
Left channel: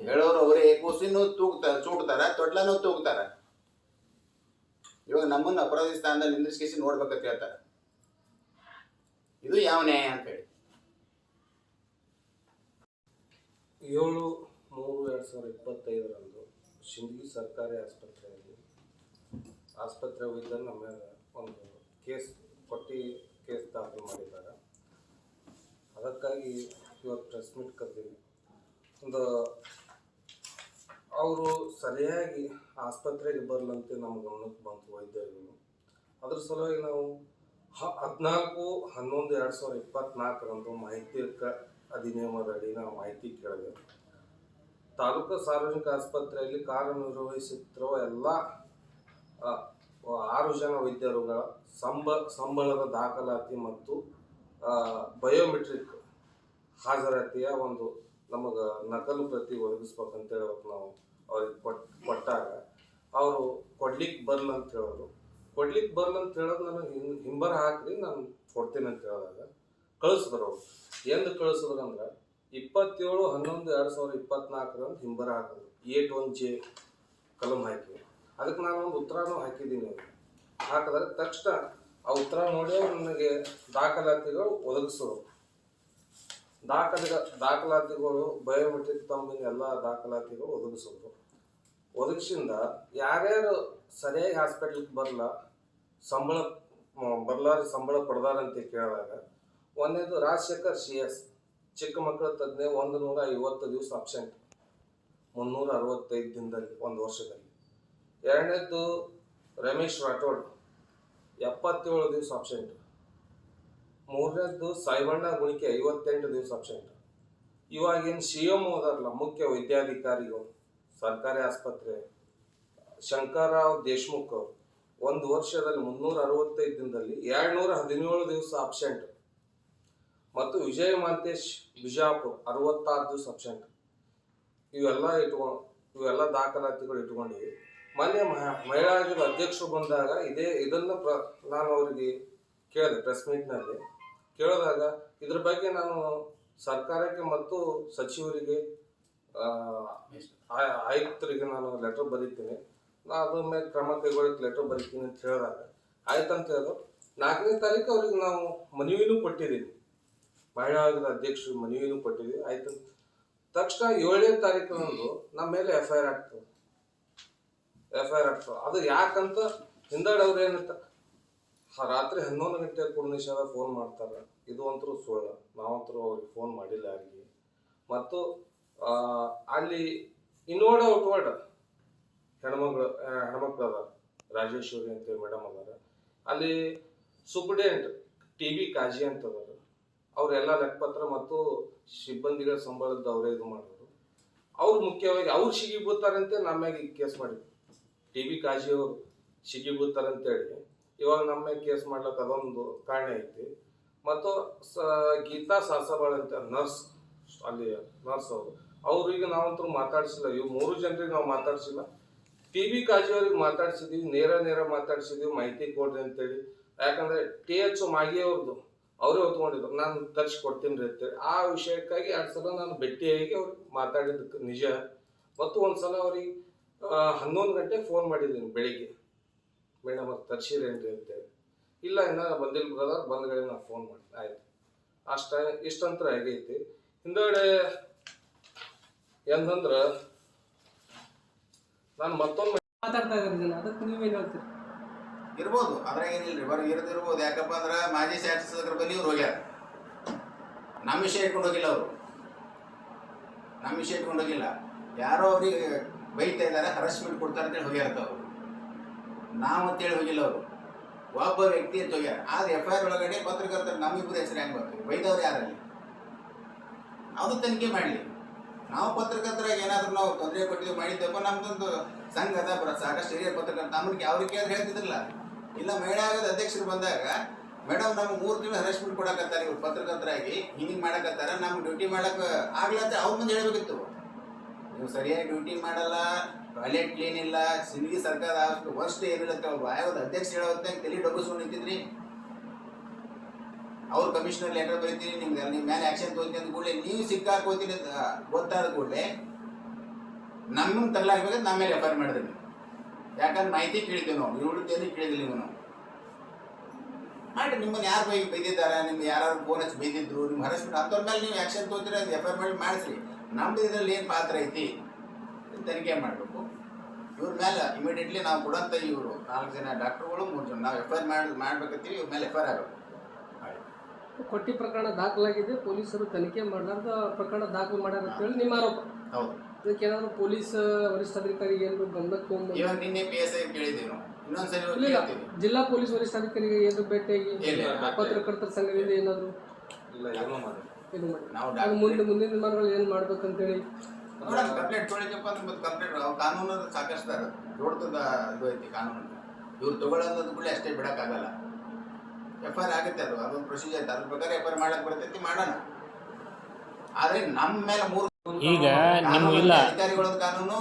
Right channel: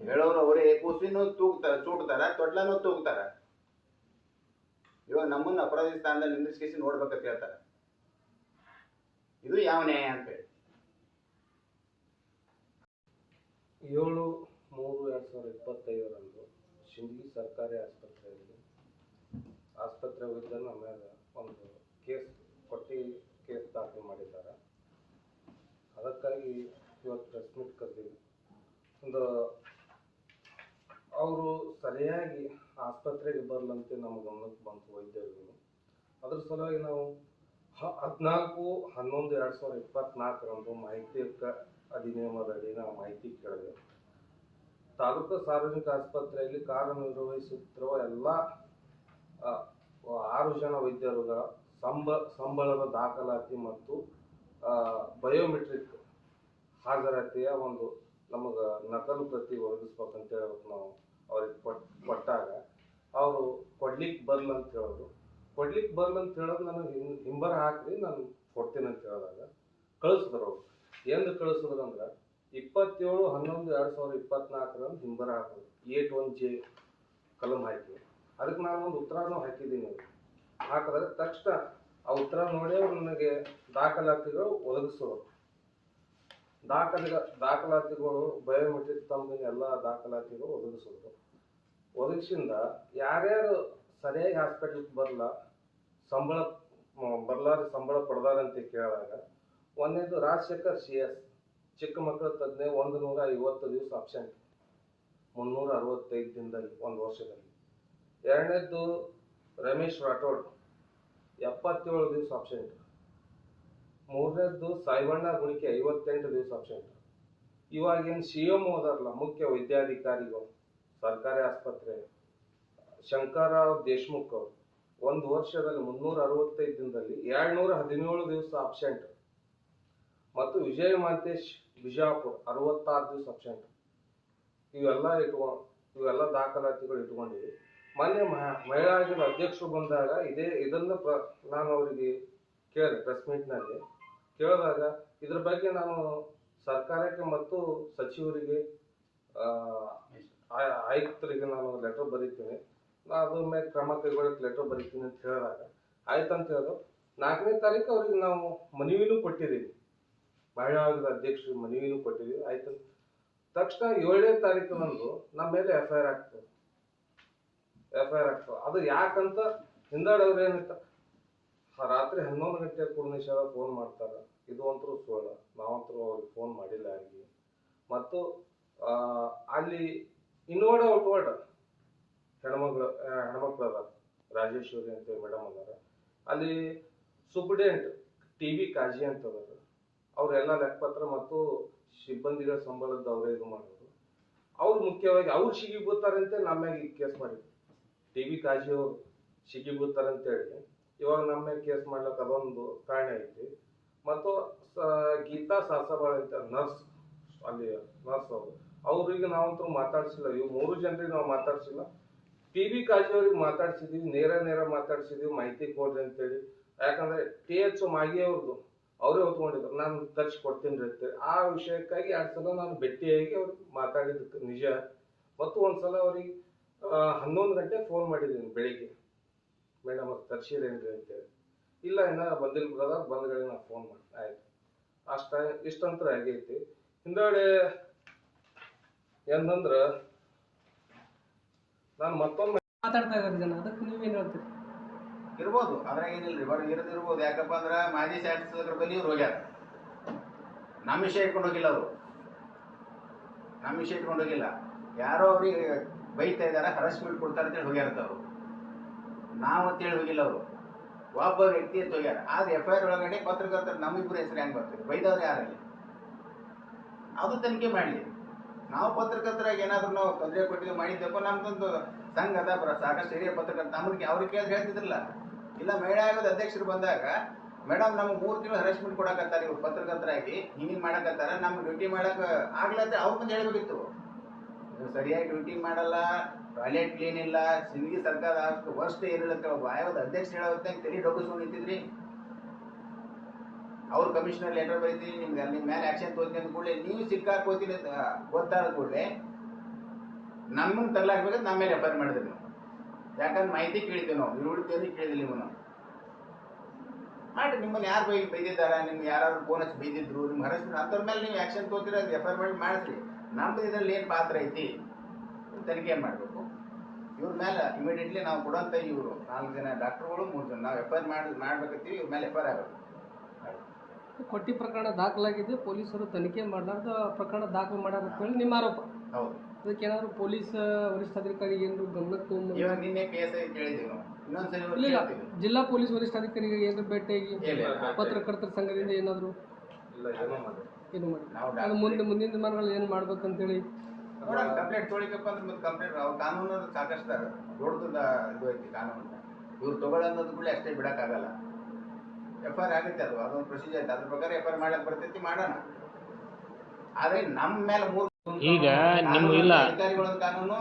ಹೇಳೋರು ಅವರೇ, ಕೂಸಿನೂ ಚೂಡ್ತಾರ, ತೊಟ್ಲನೂ ತೂಗ್ತಾರ. ಇವಾಗ ನಮ್ಮನ್ನು ಅಪರಾಧಿ ಸ್ಥಾನದಲ್ಲಿ ನಿಂದಿಸ್ಕೇಸಿ ನೋಡ್ಬೇಕಂತ ಹೇಳ್ತಾರೆ. ಇದು ಯಾವ ನ್ಯಾಯ ಅಂತ ಹೇಳಿ. 7/3/2025 ಶಿಂದಗಿ ಸರ್ಕಾರಿ ಆಸ್ಪತ್ರೆ ವಿರುದ್ಧ ನಮ್ಮ ಒಂದು ಕೇಸ್ ದಾಖಲು ಮಾಡಿದ್ದಾರೆ. ಅದಕ್ಕಾಗಿ ಇವತ್ತು ಪ್ರೆಸ್ ಮೀಟ್ ಕರೆದಿವಿ. ಅವರು ಸರಿಯಾಗಿ ಆಸ್ಪತ್ರೆಗೆ ಬರಲಂತೆ ನಮ್ಮ ಗಮನಕ್ಕೆ ಬಂತು ವೈದ್ಯರುಗಳು. ಅದ್ರ ಸಲುವಾಗಿ ನಾವು 14/11/2024 ಮಾಹಿತಿ ಅಧಿನಿಯಮದಡಿ ನಾವು ಮಾಹಿತಿ ಕೇಳಿದೆ. ತಾಲೂಕು ಸಾರ್ವಜನಿಕ ಆಸ್ಪತ್ರೆಯಲ್ಲಿ ಕಾರ್ಯನಿರ್ವಹಿಸುತ್ತಿರುವ ಎಲ್ಲ 6 ಜನ ವೈದ್ಯರುಗಳ ಸಂಬಳದ ದಾಖಲಾತಿ ಮತ್ತು ಬಯೋಮೆಟ್ರಿಕ್ ಹಾಜರಾತಿಯ ಒಂದು ನಮಗೆ ನಕಲು ಪ್ರತಿ ಒದಗಿಸ್ಬೇಕಂತ ಹೇಳೋದು ನಾವು ಅವ್ರಿಗೆ ಕೊಟ್ಟಾಗ ಅವರು ಕೊಡ್ಲಿಕ್ಕೆ ಬರಲ್ಲ ಅಂತ ಹೇಳಿದ್ರು. ಕೊಡ್ಲಿಕ್ಕೆ ಬರಲ್ಲ ಅಂತ ಹೇಳೋದು ನನಗೆ ಹಿಂಬರ ಹಾಕ್ರಿ, ನಾನು ಕೊಡ್ತೀನಿ ಅಂತ ಹೇಳಿದಾಗ ಕಳಿಸಿದ್ರು. ಅವರು ಎಂದು ಕಳಿಸಿದ್ರು ಅಂದ್ರೆ 27/11/2024 ಹಿಂಬರ ಹಾಕಿದ್ರು. 8(1)J ಕಲಂ ಹಾಕಿ ಅದಕ್ಕೆ ನಾನು ಒಂದು ಉತ್ತರನೂ ಹಾಕಿದ್ದೀನಿ. ಹಾಕಿದಾಗ ತಕ್ಷಣ ಆ ಉತ್ತರ ನೋಡಿ ನನಗೆ ದಾಖಲಾತಿಗಳು ಒದಗಿಸೋರು. ದಾಖಲಾತಿಗಳು ಬಯೋಮೆಟ್ರಿಕ್ ತಮ್ಮಿನ ಎಲ್ಲ ದಾಖಲಾತಿಗಳು ಒದಗಿಸಿದ್ರು. ಒದಗಿಸಿಂದ ಯಾರ್ಯಾರು ಸರಿಯಾಗಿ ಹಾಸ್ಪಿಟ್ಲಿಗೆ ಸಂಬಳ ಪಡೆದಾರಂತ ಕೇಳಿದಾಗ ಒಂದನೇದು ರಾಜಶೇಖರ್ CS, ಚಿಕ್ಕ ಮಕ್ಕಳ ತಜ್ಞ, 150 ದಿವಸ ಅಬ್ಸೆಂಟ್, 365 ದಿನದಲ್ಲಿ, 1 ವರ್ಷದಲ್ಲಿ. 2ನೇದ್ದು ರಮೇಶ್ ರಾಠೋಡ್, 77 ದಿವಸ ಅಬ್ಸೆಂಟ್. 3ನೇದ್ದು ಸಾಯಿಬಣ್ಣ ಗುಣಿಕೆ, 58 ದಿವಸ ಅಬ್ಸೆಂಟ್. ಇವಾಗೇನು CM ಹೋದಾರಲ್ಲ, ಮುಖ್ಯ ವೈದ್ಯಾಧಿಕಾರಿಗಳು ಸರ್ಕಾರಿ ಆಸ್ಪತ್ರೆ, ಶಂಕರರಾವ್ ದೇಶ್ಮುಖ್ ಅವರು 1 ವರ್ಷದಲ್ಲಿ 365 ದಿನದಲ್ಲಿ 217 ದಿವಸ ಅಬ್ಸೆಂಟ್. ಮತ್ತು ವಿಜಯ ಮಾಂತೇಶ್ ಬಿಜಾಪುರ್ 66 ದಿವಸ ಅಬ್ಸೆಂಟ್. ಇವೆಲ್ಲ ದಾಖಲಾತಿಗಳು ಇಟ್ಕೊಂಡಿವಿ. ಮೊನ್ನೆ ಮಹಿಳಾ ಆಯೋಗದ ಅಧ್ಯಕ್ಷರು ಬಂದಾಗ ಇದನ್ನ ನಾನು ಅವರಿಗೆ ಕೇಳಿದೆ, ಪ್ರೆಸ್ ಮೀಟ್ನಲ್ಲಿ ಕೇಳಿದಾಗ ಇದ್ರ ಬಗ್ಗೆ ನಾನು ಸರ್ಕಾರಕ್ಕೆ ಮತ್ತು ಸಚಿವರಿಗೆ ಆಯುಕ್ತರಿಗೆ ನಾನು ಲೆಟರ್ ಬರೀತೀನಿ, ನಾನು ಅದ್ರ ಮೇಲೆ ಕ್ರಮ ಕೈಗೊಳ್ಳಕ್ಕೆ ಲೆಟರ್ ಬರೀತೀನಿ ಅಂತ ಹೇಳಿದಾಗ ಆಯ್ತಂತ ಹೇಳಿದ್ರು. 4ನೇ ತಾರೀಕು ಅವ್ರಿಗೆ ನಾವು ಮನವಿನೂ ಕೊಟ್ಟಿದ್ದೀವಿ, ಮಹಿಳಾ ಆಯೋಗದ ಅಧ್ಯಕ್ಷರು ಮನವಿನೂ ಕೊಟ್ಟಿದ್ದೀವಿ. ಆಯ್ತು ತಕ್ಷಣ 7ನೇ ತಾರೀಕಿನಂದು ನಮ್ಮ ಮೇಲೆ FIR ಆಗ್ತದೆ. ಅದು ಯಾಕಂತ ಹಿಂದಡೆ ಅವ್ರು ಏನಂತ ರಾತ್ರಿ 11 ಗಂಟೆ ಕೂಡ ನಿಷೇಧ ಫೋನ್ ಮಾಡ್ತಾರೆ. ಇದು ಅಂತರೂ ಸುಳ್ಳು, ನಾವಂತರೂ ಅವ್ರಿಗೆ ಫೋನ್ ಮಾಡಿಲ್ಲ ಯಾರಿಗೆ. ಮತ್ತು ಅಲ್ಲಿ ಇನ್ವರ್ಡ್ ಔಟ್ವರ್ಡ್ ಹೆಣ್ಮಕ್ಳು ಅದಾರ, ರಾಜೇಶ್ವರಿ ಅಂತೇಳಿ ಮೇಡಮ್ ಅದಾರ. ಅಲ್ಲಿ ಸೂಪರ್ಡೆಂಟ್ TV ಕಾಜಿ ಅಂತ ಅದಾರ, ಅವರೆಲ್ಲ ಲೆಕ್ಕಪತ್ರ ಮತ್ತು ಸಿಬ್ಬಂದಿಗಳ ಸಂಬಳದ ಅವರೇ ಇದು ಮಾಡೋದು. ಅವ್ರು ಮುಖ್ಯವಾಗಿ ಅವ್ರು ಸಿಗಿಬೀಳ್ತಾರಂತೆ ನಮ್ಮ ಮ್ಯಾಗ ಕೇಸ್ ಮಾಡಿದ್ರು. TV ಕಾಜಿ ಅವರು ಸಿಗಿಬೀಳ್ತಾರಂತೇಳಿ ಇವಾಗ ನಮ್ಮ ಮ್ಯಾಗ ಕೇಸ್ ಮಾಡ್ಲಕ್ಕ ಅದೊಂದು ಕಾರಣ ಐತಿ. ಮತ್ತು ಗೀತಾ ಸಾಸಬಾಳ್ ಅಂತ ನರ್ಸ್, ಅಲ್ಲಿ ನರ್ಸ್ ಅವ್ರಿಗೆ ನಾವಂತೂ ಮಾತಾಡ್ಸಿಲ್ಲ. ಇವು 3 ಜನರಿಗೆ ನಾವು ಮಾತಾಡ್ಸಿಲ್ಲ. TV ಕಾಜಿ ಅವ್ರಿಗೆ ಮಾತಾಡ್ಸಿದ್ವಿ, ನೇರ ಮಾತಾಡ್ಸಿದ್ವಿ, ಮಾಹಿತಿ ಕೊಡ್ರಿ ಅಂತೇಳಿ. ಯಾಕಂದ್ರೆ TH ಮಾಗಿ ಅವ್ರದ್ದು ಅವರೇ ಹೊತ್ಕೊಂಡಿದ್ರು, ನಾನು ತರಿಸಿ ಕೊಡ್ತೀನಿ ಅಂತೇಳಿ. ಆ ವಿಷಯಕ್ಕಾಗಿ 2 ಸಲ ನಾನು ಭೇಟಿಯಾಗಿ ಅವ್ರಿಗೆ ಮಾತಾಡಿದ್ದಕ್ಕೆ ನಿಜ. ಮತ್ತು ಒಂದ್ಸಲ ಅವ್ರಿಗೆ 11 ಗಂಟೆ ಫೋನ್ ಮಾಡಿದ್ದೀನಿ ಬೆಳಿಗ್ಗೆ, ಮೇಡಮ್ ಅವ್ರು ತರ್ಸಿರೇನ್ರಿ ಅಂತೇಳಿ. ಇಲ್ಲ ಇನ್ನ ಬಂದಿಲ್ಲ ಬ್ರದರ್, ಬಂದ್ಗಡೆ ನಾನು ಫೋನ್ ಮಾಡಿ ಆಯ್ತು ಇಷ್ಟಂತ್ರ ಆಗೈತಿ. ಹಿಂದಗಡೆ ಏನಂದ್ರ ನಾನು ಮತ್ತೊಮ್ಮೆ ಮಾತಾಡ್ತಾ ಇದ್ದಾರೆ, ಅದಕ್ಕೆ ನೀವೇನು ಹೇಳ್ತೀರಿ? ಇರ್ಬೋದು, ಅದ್ರಾಗ ಏನಿಲ್ರಿ, ಬರೀ ಇರ್ಬೋದು. ಯಾಕಪ್ಪ ಅಂದ್ರೆ ಮಾಜಿ ಶಾಸಕರ ಬನ್ನಿ ಇವ್ರು ಹೋಗ್ಯಾರ, ನಮ್ಮ ವಿಷಯ ಇಟ್ಕೊಂಡು ಹೋಗಿಲ್ಲ ಅವರು, ನಮ್ಮ ವಿಷಯ ಇಟ್ಕೊಂಡು ಹೋಗಿಲ್ಲ. ಯಾರೋ ಅವ್ರಿಗೆ ಬೈತಾ ಇದಾರೆ, ಹರಸ್ಮೆಂಟ್ ಕೊಡ್ತಾರೆ ಅಂತೇಳಿ ಹೋಗ್ಯಾರತ್ತ ಅವರು, ನಾವು ಅಂತೇಳಿ ಹೋಗಿಲ್ಲ ಅವರು. ಒಬ್ಬ ವ್ಯಕ್ತಿ ಅಂತ ಹೋಗ್ಯಾರ. ಆದ್ರೆ FIR ಒಳಗಡೆ ಪತ್ರಕರ್ತರು ನಮ್ಮಿಬ್ಬರು ಹೆಸರು ಹೆಂಗೆ ಬರ್ತೀವಿ? ಬೈದವ್ರು ಯಾರಲ್ಲಿ? ಅದು ತನಿಖೆ ಮಾಡಲಿ. ನಾವು ಪತ್ರಕರ್ತರಾಗಿ ಏನಾದ್ರು ನಾವು ತೊಂದರೆ ಕೊಟ್ಟಿದ್ದು ಮಾಡಿದ್ದೆಪ್ಪ, ನಮ್ದೊಂದು ಸಂಘ ಅದ, ಸಾಕಷ್ಟು ಹಿರಿಯ ಪತ್ರಕರ್ತ ಅವ್ರಿಗೆ ಕೇಳಿದ್ರೆ ಹೇಳ್ತಿದ್ರಲ್ಲ. ಇಲ್ಲ ಮಹಿಳಾ ಆಯೋಗದ ಅಧ್ಯಕ್ಷರು ಬಂದಾಗ, ಮೇಡಮ್ ನಮ್ಮ 3 ತಿಂಗಳು ಹರಾಸ್ಮೆಂಟ್ ಕೊಡಕತ್ತಾರೆ ಇವ್ರು ಪತ್ರಕರ್ತರಾಗಿ, ಹಿಂಗೆ ಮಾಡಕತ್ತಾರ, ನಮ್ಗೆ ಡ್ಯೂಟಿ ಮಾಡಕ್ ಆಗ್ಲಂತ ಅವ್ರ ಮುಂದೆ ಹೇಳ್ಬೇಕಿತ್ತು. ನೀವು ಸರಿಯಾಗಿ ಡ್ಯೂಟಿ ಮಾಡಲ್ಲ, ಟಾಯ್ಲೆಟ್ ಕ್ಲೀನ್ ಇಲ್ಲ, ಸಿಂದಗಿ ಸರ್ಕಾರ ವರ್ಷ ಏನಿಲ್ಲ ಅಂತ ಒಬ್ಬ ಆಯೋಗದ ಅಧ್ಯಕ್ಷ ಹೇಳೋ ಹೊತ್ತಾಗ ತಲೆ ಡೊಬ್ಬಿಸ್ಕೊಂಡು ನಿಂತಿದ್ರಿ. ಅವ್ರು ಕಮಿಷನರ್ ಲೆಟರ್ ಬರೀತೀನಿ, ನಿಮ್ಗೆ ನಿಮ್ಮ ಮೇಲೆ ಆಕ್ಷನ್ ತಗೋತೀನಿ ಅಂತ ಕೂಡಲೇ ನೀವು ಸಿಕ್ಕಾಕೋತೀನಿ ಅಂತ ಗೊತ್ತಾದ ಕೂಡಲೇ ನಮ್ಮನ್ನು ತಗಲಾಕ್ಬೇಕಾದ್ರೆ ನಮ್ಮ ಮೇಲೆ FIR ಮಾಡಿದ್ರಿ ನೀವು. ಯಾಕಂದ್ರೆ ಮಾಹಿತಿ ಕೇಳಿದ್ದೀವಿ ನಾವು, ಇರುಳಿದ್ದೇನೆ ಕೇಳಿದಿಲ್ಲ ನೀವು. ನಾವು ಮಾಡಿ ನಿಮ್ಮನ್ನು ಯಾರು ಬೈದಿದ್ದಾರ, ನಿಮ್ಗೆ ಯಾರು ಫೋನ್ ಹಚ್ಚಿ ಬೈದಿದ್ರು, ನಿಮ್ಮ ಹರಸ್ಮೆಂಟ್ ಅಂಥವ್ರ ಮೇಲೆ ನೀವು ಆಕ್ಷನ್ ತಗೋತೀರಿ, ಅದು FIR ಮಾಡಿ ಮಾಡಿಸ್ರಿ. ನಮ್ದು ಇದರಲ್ಲಿ ಏನು ಪಾತ್ರ ಐತಿ ತನಿಖೆ ಮಾಡಬೇಕು. ಇವ್ರ ಮೇಲೆ ಇಮಿಡಿಯೇಟ್ಲಿ ನಾವು ಕೊಡಂತ ಇವರು 4 ಜನ ಡಾಕ್ಟರ್ಗಳು 3 ಜನ ನಾವು FIR ಮಾಡ್ಬೇಕತ್ತೀವಿ. ಇವ್ರ ಮೇಲೆ FIR ಆಗಬೇಕು. ಕೊಟ್ಟಿ ಪ್ರಕರಣ ದಾಖಲಾಗಿದೆ, ಪೊಲೀಸರು ತನಿಖೆ ಮಾಡಲಾರ್ದ ಪ್ರಕರಣ ದಾಖಲು ಮಾಡ್ಯಾರ ಅಂತ ಹೇಳಿ ನಿಮ್ಮ ಆರೋಪ. ಹೌದು. ಅದಕ್ಕೆ ಏನಾದ್ರು ಪೊಲೀಸ್ ವರಿಷ್ಠಾಧಿಕಾರಿಗೆ ಏನಾದ್ರು ಗಮನಕ್ಕೆ ತಗೊಂಡು ಇವಾಗ ನಿನ್ನೆ PSI ಕೇಳಿದ್ದೀವಿ ನಾವು, ಇನ್ನೊಂದ್ಸರಿ ಇಲ್ಲ ಜಿಲ್ಲಾ ಪೊಲೀಸ್ ವರಿಷ್ಠಾಧಿಕಾರಿಗೆ ಏನಾದ್ರು ಭೇಟಿಯಾಗಿ ಇಲ್ಲ. ಪತ್ರಕರ್ತರ ಸಂಘದಿಂದ ಏನಾದ್ರು ಇಲ್ಲ ಏನೋ ಮಾಡಿ ಇದು ಮಾಡಿ ನಾವು ಮುಂದಿನ ದಿನಮಾನಗಳು ಏನು ಮಾಡ್ಬೇಕಂತೇಳಿ ನೋಡೋಣ. ಕಂಪ್ಲೇಂಟ್ ತೊಳಿಕಪ್ಪ ಅಂದ್ರೆ ಮತ್ತೆ ಕಂಪ್ಲೇಂಟ್ ಕಾನೂನು ಸಾಕಷ್ಟು ದೊಡ್ಡದ ಇದು ಐತಿ ಕಾನೂನು. ಇವ್ರು ತಗೊಳ್ಳೋದು ಕೂಡ ಅಷ್ಟೇ ಬಿಡಕ್ಕಾಗಲ್ಲ. FIR ಆಗುತ್ತೆ, ಅದೊಂದು ಪ್ರೊಸೀಜರ್ ಐತೆ, ಅದ್ರ ಪ್ರಕಾರ FIR ಮಾಡಕ್ ಬರ್ತೈತಿ, ಮಾಡೋಣ. ಆದ್ರೆ ನಮ್ಮ ಮೇಲೆ 3 ಈಗ ನಿಮ್ಮ ಇಲ್ಲ ಅಧಿಕಾರಿಗಳೊಂದು ಕಾನೂನು,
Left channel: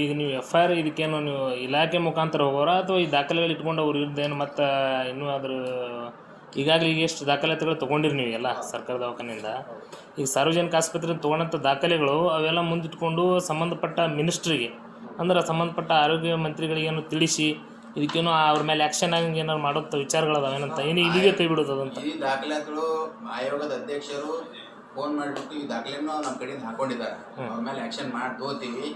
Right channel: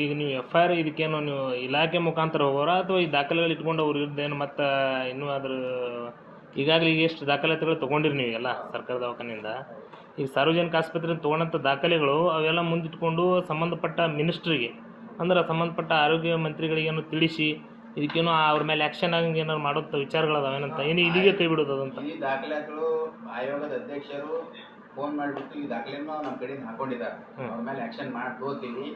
ಈಗ ನೀವು FIR ಇದಕ್ಕೇನು ನೀವು ಇಲಾಖೆ ಮುಖಾಂತರ ಹೋಗೋರ ಅಥವಾ ಈ ದಾಖಲೆಗಳು ಇಟ್ಕೊಂಡು ಅವ್ರ ವಿರುದ್ಧ ಏನು ಮತ್ತೆ ಇನ್ನೂ ಅದ್ರ ಈಗಾಗಲೇ ಈಗ ಎಷ್ಟು ದಾಖಲಾತಿಗಳು ತೊಗೊಂಡಿರಿ ನೀವು ಎಲ್ಲ ಸರ್ಕಾರ ದವಾಖಾನೆಯಿಂದ? ಈಗ ಸಾರ್ವಜನಿಕ ಆಸ್ಪತ್ರೆ ತೊಗೊಂಡಂಥ ದಾಖಲೆಗಳು ಅವೆಲ್ಲ ಮುಂದಿಟ್ಕೊಂಡು ಸಂಬಂಧಪಟ್ಟ ಮಿನಿಸ್ಟ್ರಿಗೆ ಅಂದ್ರೆ ಸಂಬಂಧಪಟ್ಟ ಆರೋಗ್ಯ ಮಂತ್ರಿಗಳಿಗೇನು ತಿಳಿಸಿ ಇದಕ್ಕೇನೋ ಅವ್ರ ಮೇಲೆ ಆ್ಯಕ್ಷನ್ ಆಗಂಗೆ ಏನಾದ್ರು ಮಾಡೋಂಥ ವಿಚಾರಗಳದಾವೇನಂತ, ಏನು ಇದೀಗ ಕೈ ಬಿಡೋದಂತ? ಈ ದಾಖಲಾತಿಗಳು ಆಯೋಗದ ಅಧ್ಯಕ್ಷರು ಫೋನ್ ಮಾಡಿಬಿಟ್ಟು ಈ ದಾಖಲೆಯನ್ನು ನಮ್ಮ ಕಡೆಯಿಂದ ಹಾಕೊಂಡಿದ್ದಾರೆ. ಅವ್ರ ಮೇಲೆ ಆ್ಯಕ್ಷನ್ ಮಾಡಿ ತಗೋತೀವಿ,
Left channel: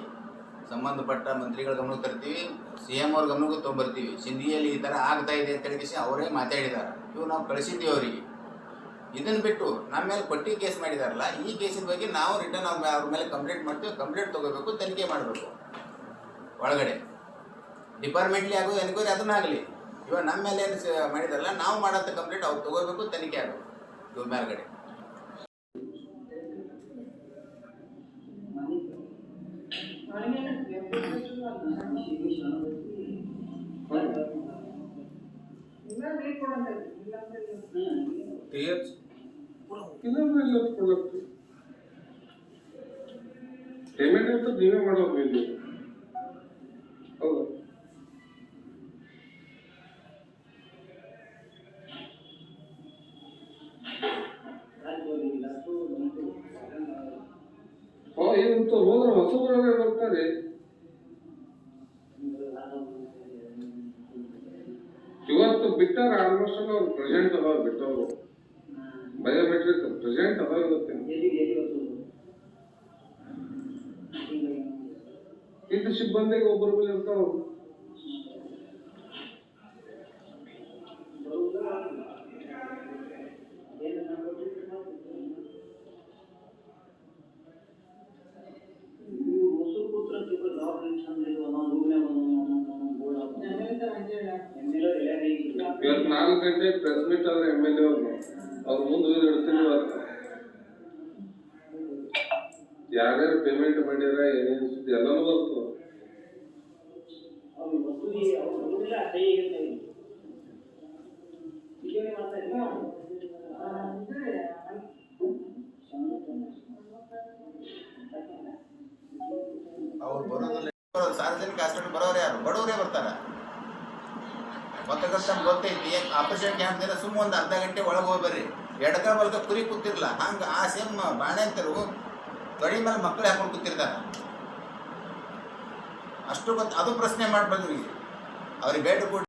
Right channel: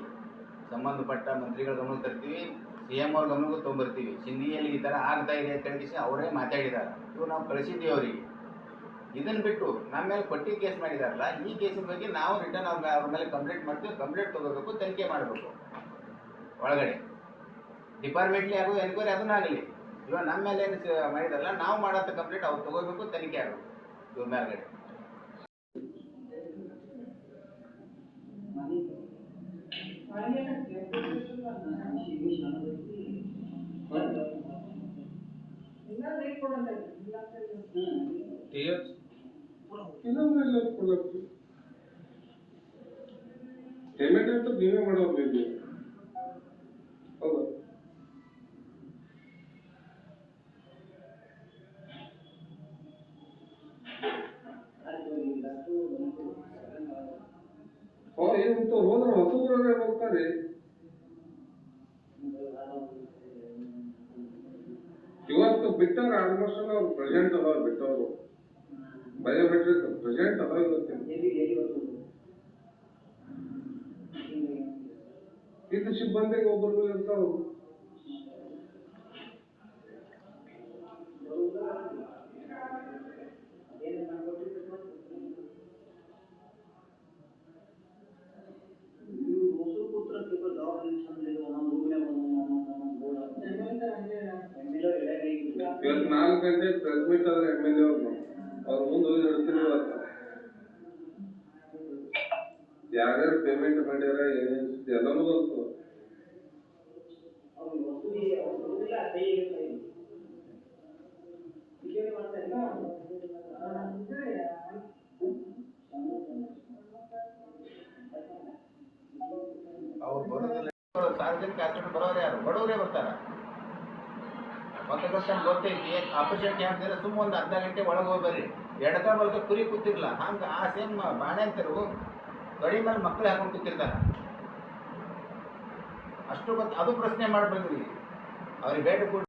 ಸಂಬಂಧಪಟ್ಟ ಮಂತ್ರಿಗಳ ಗಮನಕ್ಕೆ ತರ್ತೀವಿ, CM ಅವ್ರ ಗಮನಕ್ಕೂ ತೊಗೊಂಬರ್ತೀವಿ. ಸಿಂಧಿಯಲ್ಲಿ ಈ ಥರ ಆಗ್ತಾ ಇದೆ ಅಂತ ಹೇಳಿ ಅವರೇ ಮಾತಾಡಿದ್ದಾರೆ. ಇವು ನಾವು ಕಳಿಸಿದ್ದೀವಿ ಅವರಿಗೆ. ಇದನ್ನು ಬಿಟ್ಟು ನಮ್ಮ ಮೇಲೆ ಪಟ್ಟಿ ಕೇಸ್ ಮಾಡಿದಾರಲ್ಲ, ಈ ಕೇಸಿನ ಬಗ್ಗೆ ನಾವು ರಿಟರ್ನ್ ಅವ್ರ ಮೇಲೆ ಕಂಪ್ಲೇಂಟ್ ಮಾಡ್ತೀವಿ. ಕಂಪ್ಲೇಂಟ್ ತೊಗೋಬೇಕು, ತನಿಖೆ ಮಾಡಬೇಕು. ಒಳಗಡೆ ಡಿಪಾರ್ಟ್ಮೆಂಟ್ಲಿ ಆಗೋದು ಎನ್ಕ್ವೈರಿ ಅದನ್ನಾಗಲಿ. ಇವಾಗ ನಮ್ಮ ಮೇಲೆ ಏನು ಮಾಡಿದಾರಲ್ಲ, ನಾವು ಮಾಡೋಂಥ ಕಂಪ್ಲೇಂಟ್ ಅವ್ರು ತೊಗೋಬೇಕು, ತನಿಖೆ ಆಗಬೇಕು. ಇವ್ರ ಮೇಲ್ಗಡೆ TH ಪೇಮೆಂಟ್ ಅಂತ ನೀವೇ ಮಾಡೋದು ಇಲ್ಲಿ. ಹೌದು, ಏನಂತ ಹೋದ್ರೆ ಹೊಸಬರೇ ಬರ್ತಾರೆ. ಇವತ್ತು ಬಿಟ್ಟಾರ ಆಲ್ಮೋಸ್ಟ್ ಅವ್ರು ಪ್ರೆಸೆಂಟ್ ಅದಾವ, ಬಿಟ್ಟವರು ಬಯೋಮೆಟ್ರಿಕ್ ಪ್ರೆಸೆಂಟ್ ಅದಾವ. ಇದು ಸಿಬ್ಬಂದಿಗೆ ಒಬ್ಬರು ಇರ್ತಾವ. ಇವತ್ತು 4 ಗಂಟೆ ಪ್ರೆಸ್ ಮೀಟ್ ಆದ್ರೆ MLA ಅವ್ರು ಮುಂದೆ ಹೋಗಿ ಇಡ್ತೀನಿ ಇವತ್ತು ಯಾರ್ಯಾರು ಪೇಮೆಂಟ್ ಮಾಡಿದ್ರೆ ಏನೇನು ಸುದ್ದಿ ಎಲ್ಲನೂ ಬರ್ತದೆ. ಅವ್ರು ಬರೋದಿಲ್ಲ, ಸಾರ್ವಜನಿಕ ಹಾಸ್ಪಿಟಲ್ ಬರೋರು ಯಾರು? ಬಡವರೇ ಬರ್ತಾರ. ಪತ್ರಕರ್ತ ಗೊತ್ತೈತಿ, ಆಪರೇಷನ್ ಕ್ಯಾಂಪ್ ದಿನ ಸುಮ್ಮ ಒಂದು ಅರ್ಧ ಗಂಟೆ ಒಳಗೆ ಹೋಗಿ ಬರ್ರಿ, ಎಡಕ ಬಲ್ಕ ಕುರಿ ಕೂತಿರ್ಲ, ಹಂಗೆ ಆ ಸೇಮ್ ಬಾಣೆ ಅಂತರು ತೊಡಿ ಮೇಲೆ ಮಕ್ಕಳು ಹಾಕೊಂಡು ಕೂತಿರ್ತಾರ. ಅಷ್ಟು ಗೊತ್ತು, ಅದು ಪ್ರಶ್ನೆ ಮಾಡಿ ಬಂದ್ವಿ ಅವ್ರಿಗೆ ಭೇಟಿ ಕೊಟ್ಟು